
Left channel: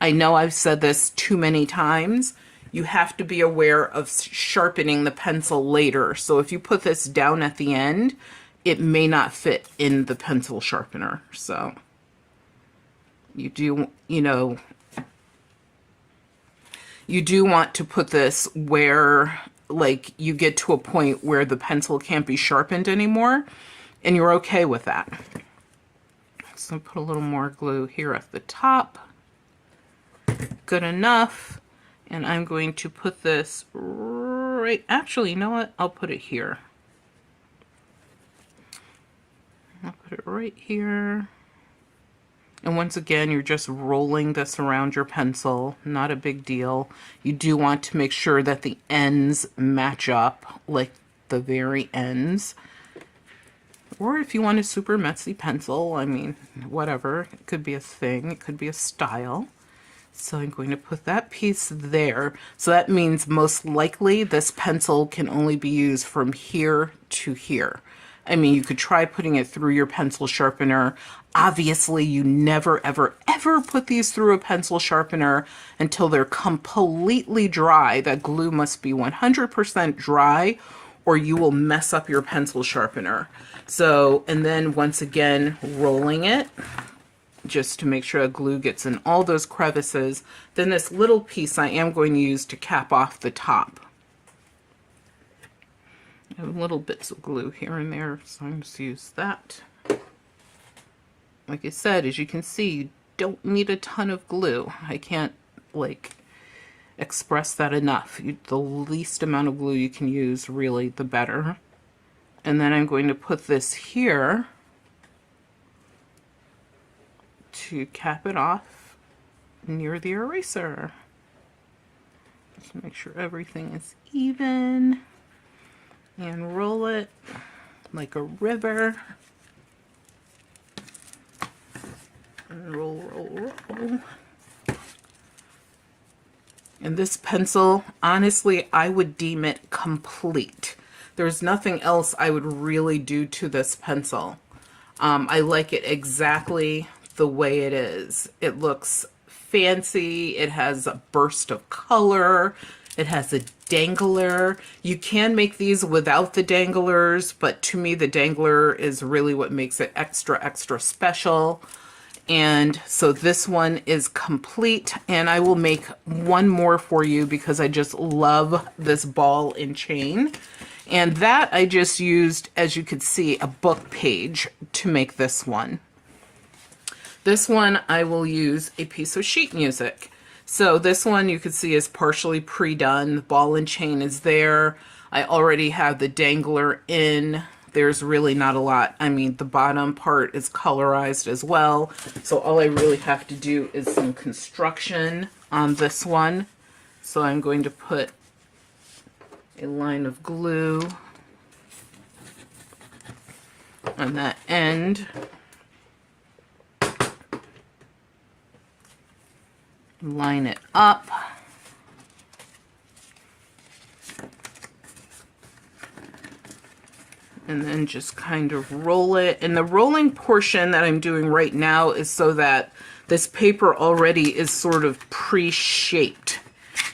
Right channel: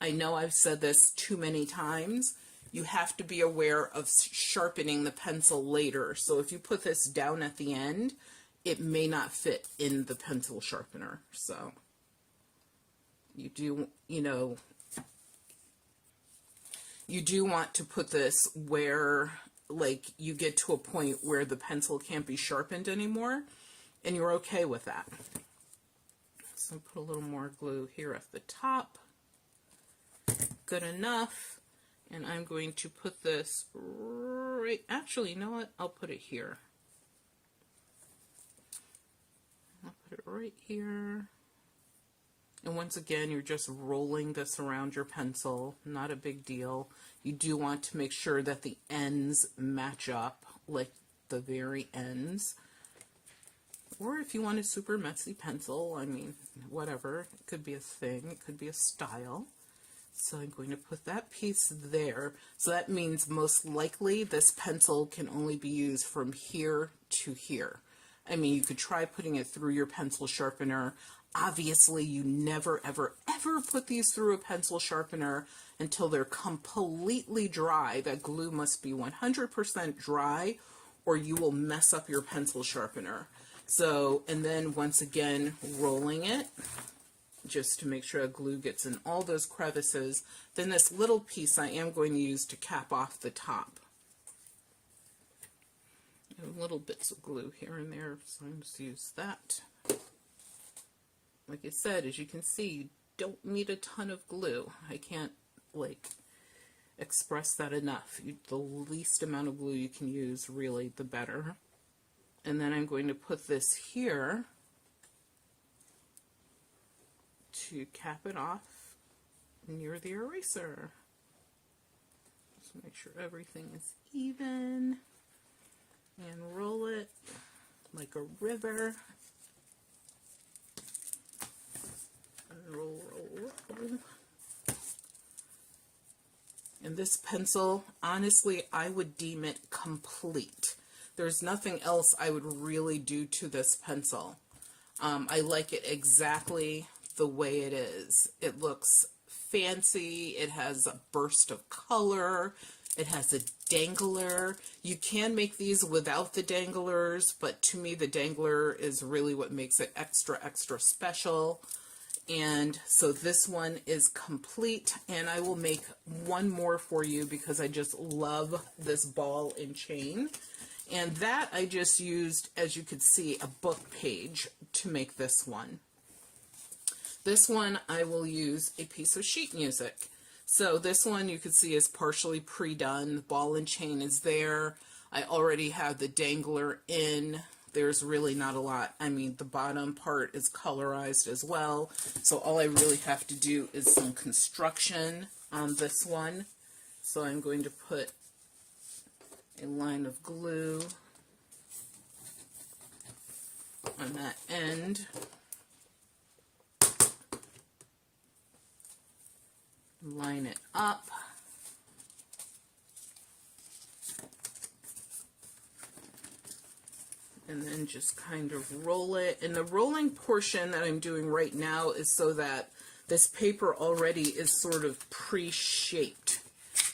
I know I've said this too many times. You have to be aware of sharpening the pencil later. So if you put this down at the end, it may not fit in the pencil sharpener. So you do, you do want to put this where, like, you get to a point where the pencil can't be sharpened anymore, and you're okay with that. So put a little more glue here at the top. Good enough. And I'm going to put this right, actually, you know what? I'll put it here. I'll put it right here. And once again, you're just rolling this around your pencil. Not a big deal. You do want to make sure that the ends match up, like the very ends. Or if you want a super messy pencil, I mean, whatever. It could be a thing. It could be a style. So I'm going to put that piece there. So that means most likely this pencil can only be used from here to here. I mean, you could try putting it through your pencil sharpener. Obviously, you never, ever, ever put these through a pencil sharpener until they're completely dry. That glue must be 100% dry, or you will mess up your pencil sharpener. So, and then once again, rolling it, just to make sure the glue gets in all those crevices. Then this little piece I am going to use to cap off the top. I have little bits of glue here and there, so I'm just use that. Like I said, as you can see, you don't need a ton of glue. I can't, like, express that enough. The least amount of glue you can use, really, the better. And then I'm going to put this here to cap it off near the eraser. Just make sure everything is even and roll it like a river. And roll, roll, roll. And this pencil, honestly, I would deem it complete. There's nothing else I would really do to this pencil. I like it exactly the way it is. It looks fancy. It has a burst of color. It has a dangler. You can make these without the danglers, but to me the dangler is really what makes it extra, extra special. And so this one is complete, and I will make one more for you because I just love this ball and chain. And that I just used, as you could see, a book page to make this one. This one, I will use a piece of sheet music. So this one you can see is partially pre-done. The ball and chain is there. I already have the dangler in. There's really not a lot. I mean, the bottom part is colorized as well. So all I really have to do is some construction on this one. So I'm going to put a line of glue on that end. Line it up. And then just kind of roll it. And the rolling portion that I'm doing right now is so that this paper already is sort of pre-shaped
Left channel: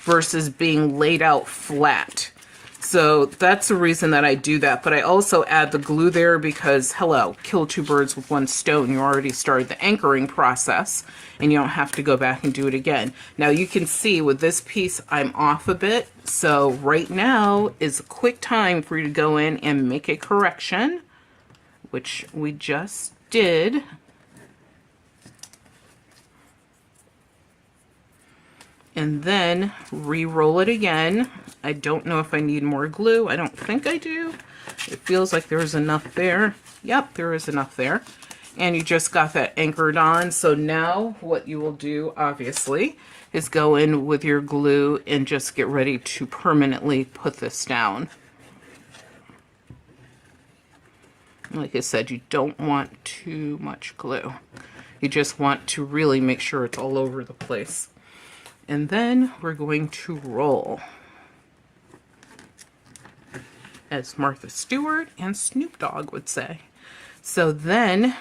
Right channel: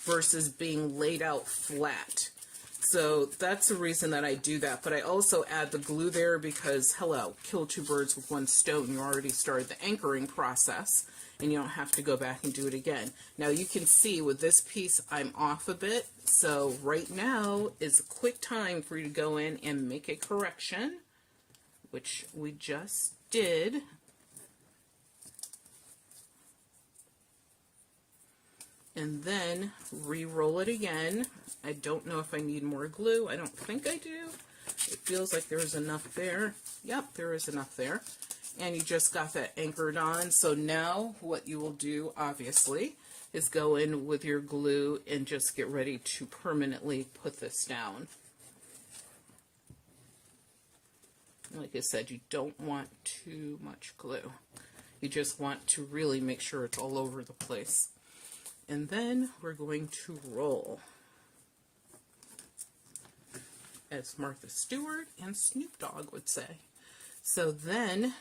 versus being laid out flat. So that's the reason that I do that. But I also add the glue there because, hello, kill two birds with one stone. You already started the anchoring process and you don't have to go back and do it again. Now you can see with this piece, I'm off a bit. So right now is a quick time for you to go in and make a correction, which we just did. And then re-roll it again. I don't know if I need more glue. I don't think I do. It feels like there's enough there. Yep, there is enough there. And you just got that anchored on. So now what you will do, obviously, is go in with your glue and just get ready to permanently put this down. Like I said, you don't want too much glue. You just want to really make sure it's all over the place. And then we're going to roll, as Martha Stewart and Snoop Dogg would say. So then,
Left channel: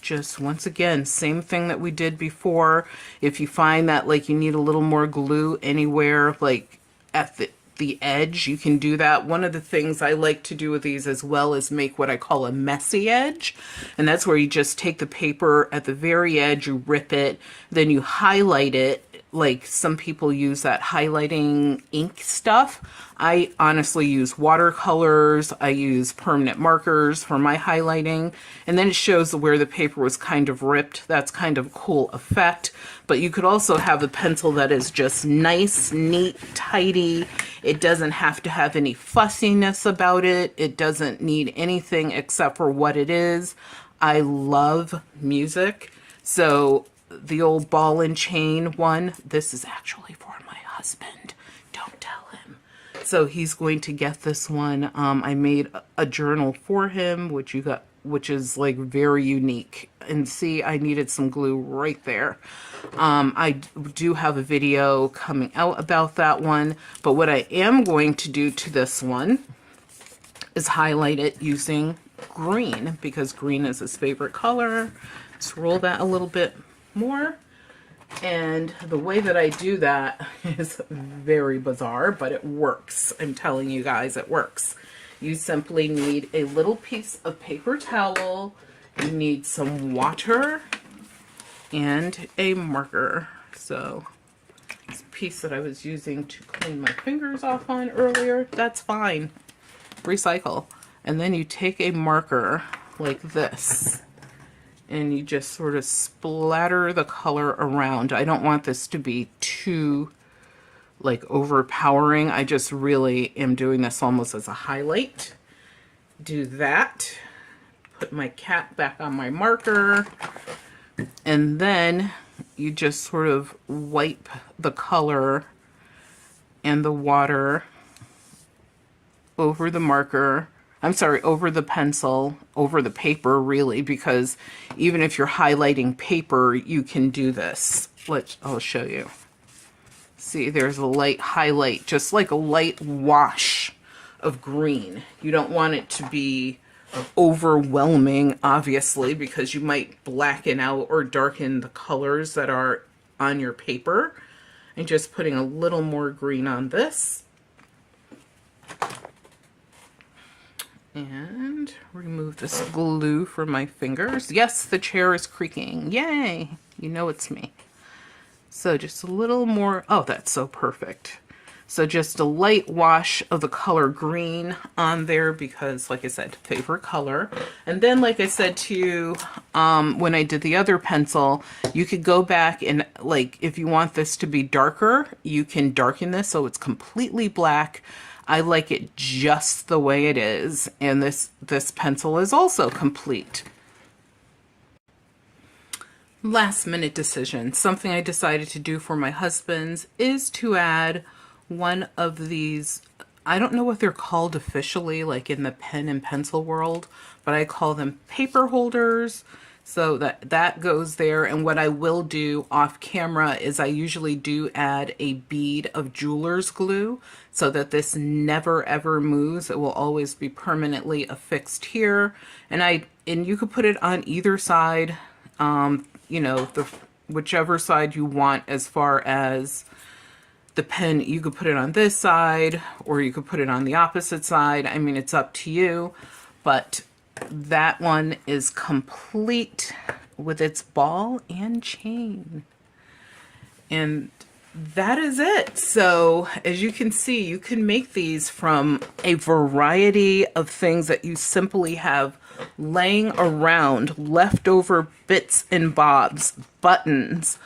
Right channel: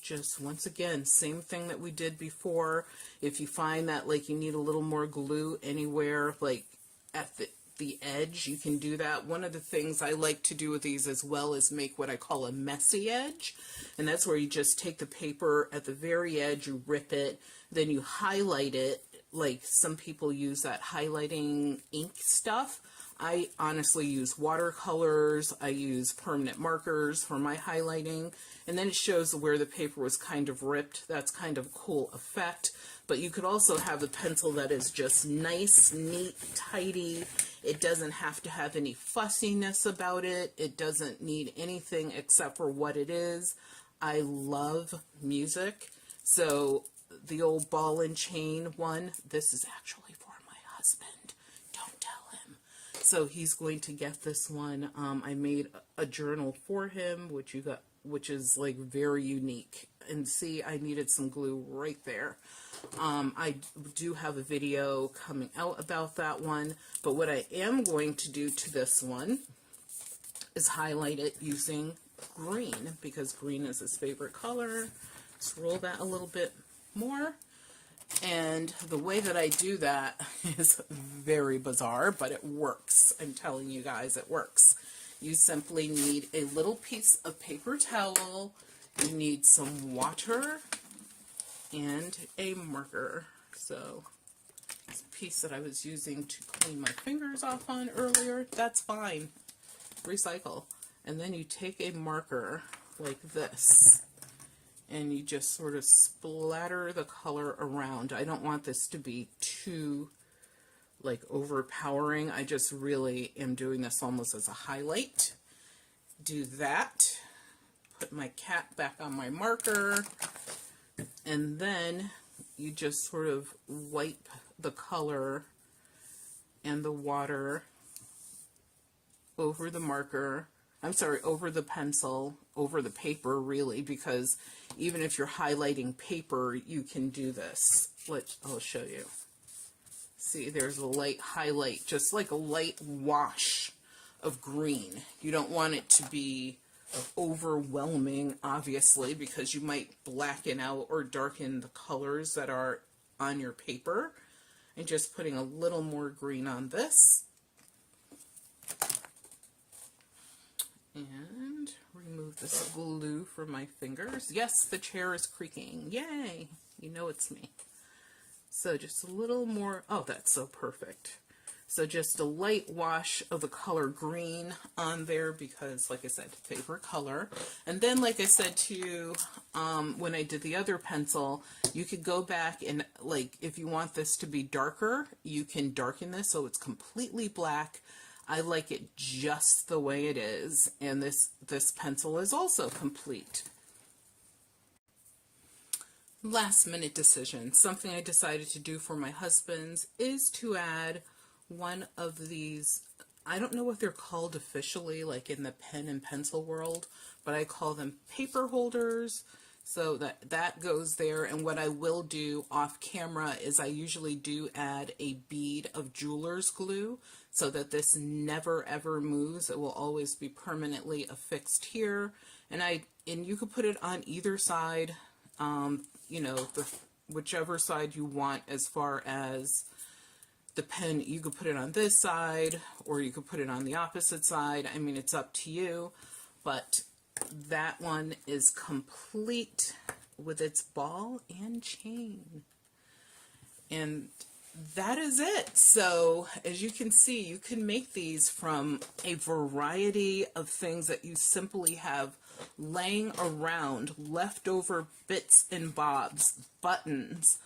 just once again, same thing that we did before. If you find that like you need a little more glue anywhere, like at the edge, you can do that. One of the things I like to do with these as well is make what I call a messy edge. And that's where you just take the paper at the very edge, you rip it, then you highlight it. Like some people use that highlighting ink stuff. I honestly use watercolors. I use permanent markers for my highlighting. And then it shows where the paper was kind of ripped. That's kind of a cool effect. But you could also have a pencil that is just nice, neat, tidy. It doesn't have to have any fussiness about it. It doesn't need anything except for what it is. I love music. So the old ball and chain one, this is actually for my husband. Don't tell him. So he's going to get this one. I made a journal for him, which is like very unique. And see, I needed some glue right there. I do have a video coming out about that one, but what I am going to do to this one is highlight it using green, because green is his favorite color. Let's roll that a little bit more. And the way that I do that is very bizarre, but it works. I'm telling you guys, it works. You simply need a little piece of paper towel, you need some water, and a marker. So this piece that I was using to clean my fingers off on earlier, that's fine. Recycle. And then you take a marker like this, and you just sort of splatter the color around. I don't want this to be too like overpowering. I just really am doing this almost as a highlight. Do that. Put my cap back on my marker. And then you just sort of wipe the color and the water over the marker. I'm sorry, over the pencil, over the paper really, because even if you're highlighting paper, you can do this. I'll show you. See, there's a light highlight, just like a light wash of green. You don't want it to be overwhelming, obviously, because you might blacken out or darken the colors that are on your paper. And just putting a little more green on this. And remove this glue from my fingers. Yes, the chair is creaking. Yay! You know it's me. So just a little more. Oh, that's so perfect. So just a light wash of the color green on there because, like I said, favorite color. And then, like I said to you, when I did the other pencil, you could go back and, like, if you want this to be darker, you can darken this so it's completely black. I like it just the way it is. And this pencil is also complete. Last minute decision. Something I decided to do for my husband's is to add one of these, I don't know what they're called officially, like in the pen and pencil world, but I call them paper holders. So that goes there. And what I will do off camera is I usually do add a bead of jeweler's glue so that this never ever moves. It will always be permanently affixed here. And you could put it on either side, you know, whichever side you want as far as the pen. You could put it on this side or you could put it on the opposite side. I mean, it's up to you, but that one is complete with its ball and chain. And that is it. So as you can see, you can make these from a variety of things that you simply have laying around, leftover bits and bobs, buttons.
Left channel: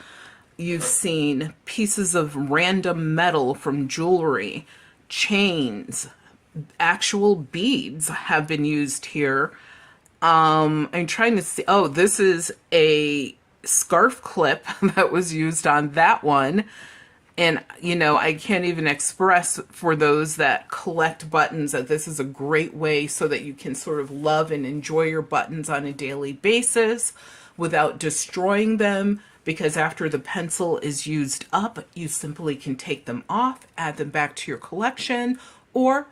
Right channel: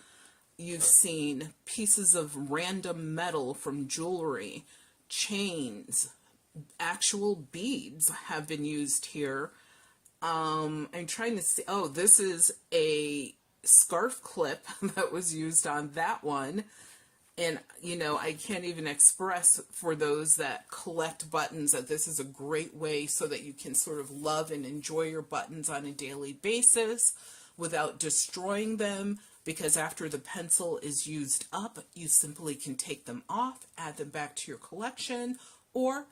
You've seen pieces of random metal from jewelry, chains, actual beads have been used here. I'm trying to see. Oh, this is a scarf clip that was used on that one. And, you know, I can't even express for those that collect buttons that this is a great way so that you can sort of love and enjoy your buttons on a daily basis without destroying them. Because after the pencil is used up, you simply can take them off, add them back to your collection, or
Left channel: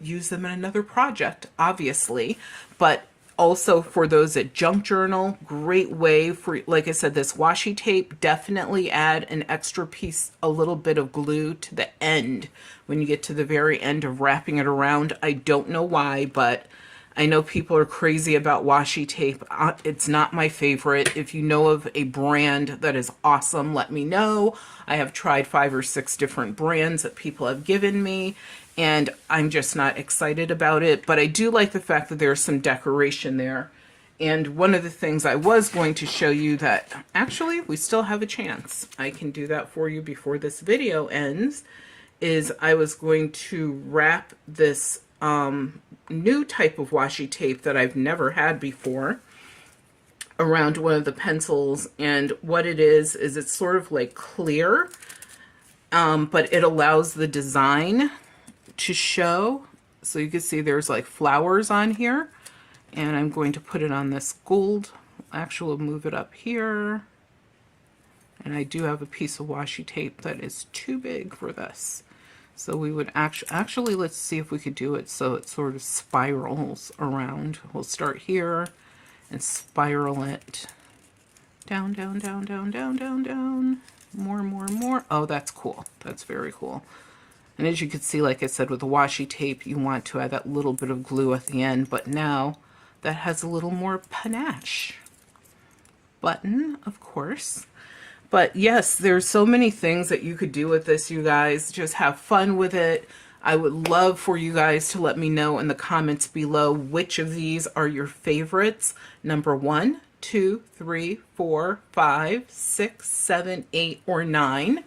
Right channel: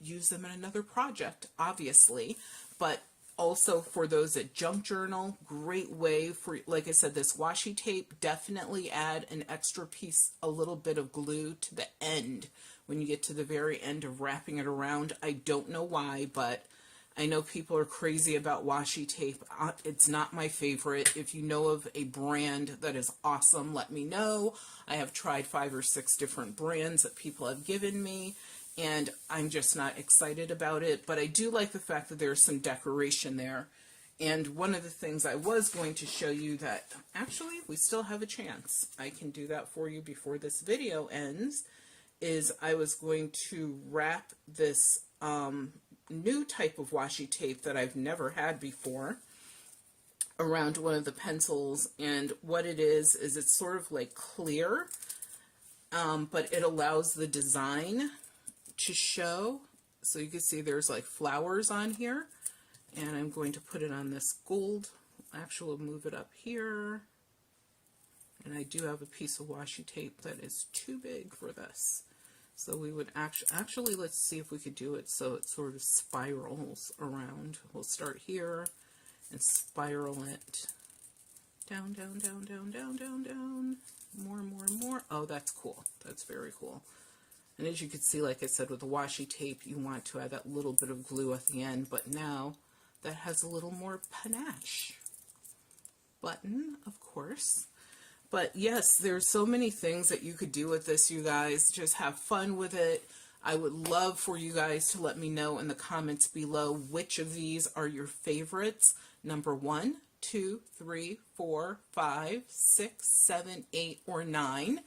use them in another project, obviously. But also for those that junk journal, great way for, like I said, this washi tape, definitely add an extra piece, a little bit of glue to the end when you get to the very end of wrapping it around. I don't know why, but I know people are crazy about washi tape. It's not my favorite. If you know of a brand that is awesome, let me know. I have tried 5 or 6 different brands that people have given me, and I'm just not excited about it. But I do like the fact that there's some decoration there. And one of the things I was going to show you that actually we still have a chance. I can do that for you before this video ends, is I was going to wrap this new type of washi tape that I've never had before around one of the pencils. And what it is it's sort of like clear, but it allows the design to show. So you can see there's like flowers on here, and I'm going to put it on this gold. Actually, move it up here. And I do have a piece of washi tape that is too big for this. So we would actually, let's see if we could do it so it sort of spirals around. We'll start here and spiral it down, down, down, down, down, down, down. More, more, more. Oh, that's cool. That's very cool. And as you can see, like I said, with the washi tape, you want to add that little bit of glue at the end, but now that has a little more panache. Button, of course. But yes, there's so many things that you could do with this, you guys. Just have fun with it. I would love for you guys to let me know in the comments below which of these are your favorites. Number 1, 2, 3, 4, 5, 6, 7, 8, or 9.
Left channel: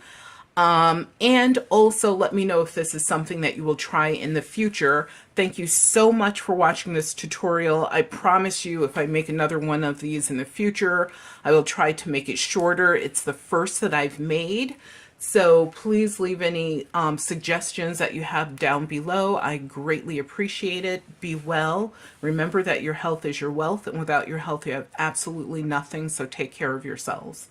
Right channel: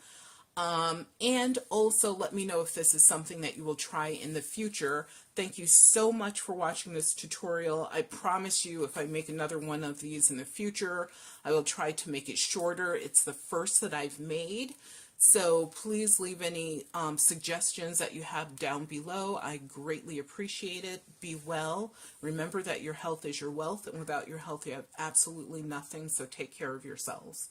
And also let me know if this is something that you will try in the future. Thank you so much for watching this tutorial. I promise you, if I make another one of these in the future, I will try to make it shorter. It's the first that I've made. So please leave any suggestions that you have down below. I greatly appreciate it. Be well. Remember that your health is your wealth, and without your health, you have absolutely nothing. So take care of yourselves.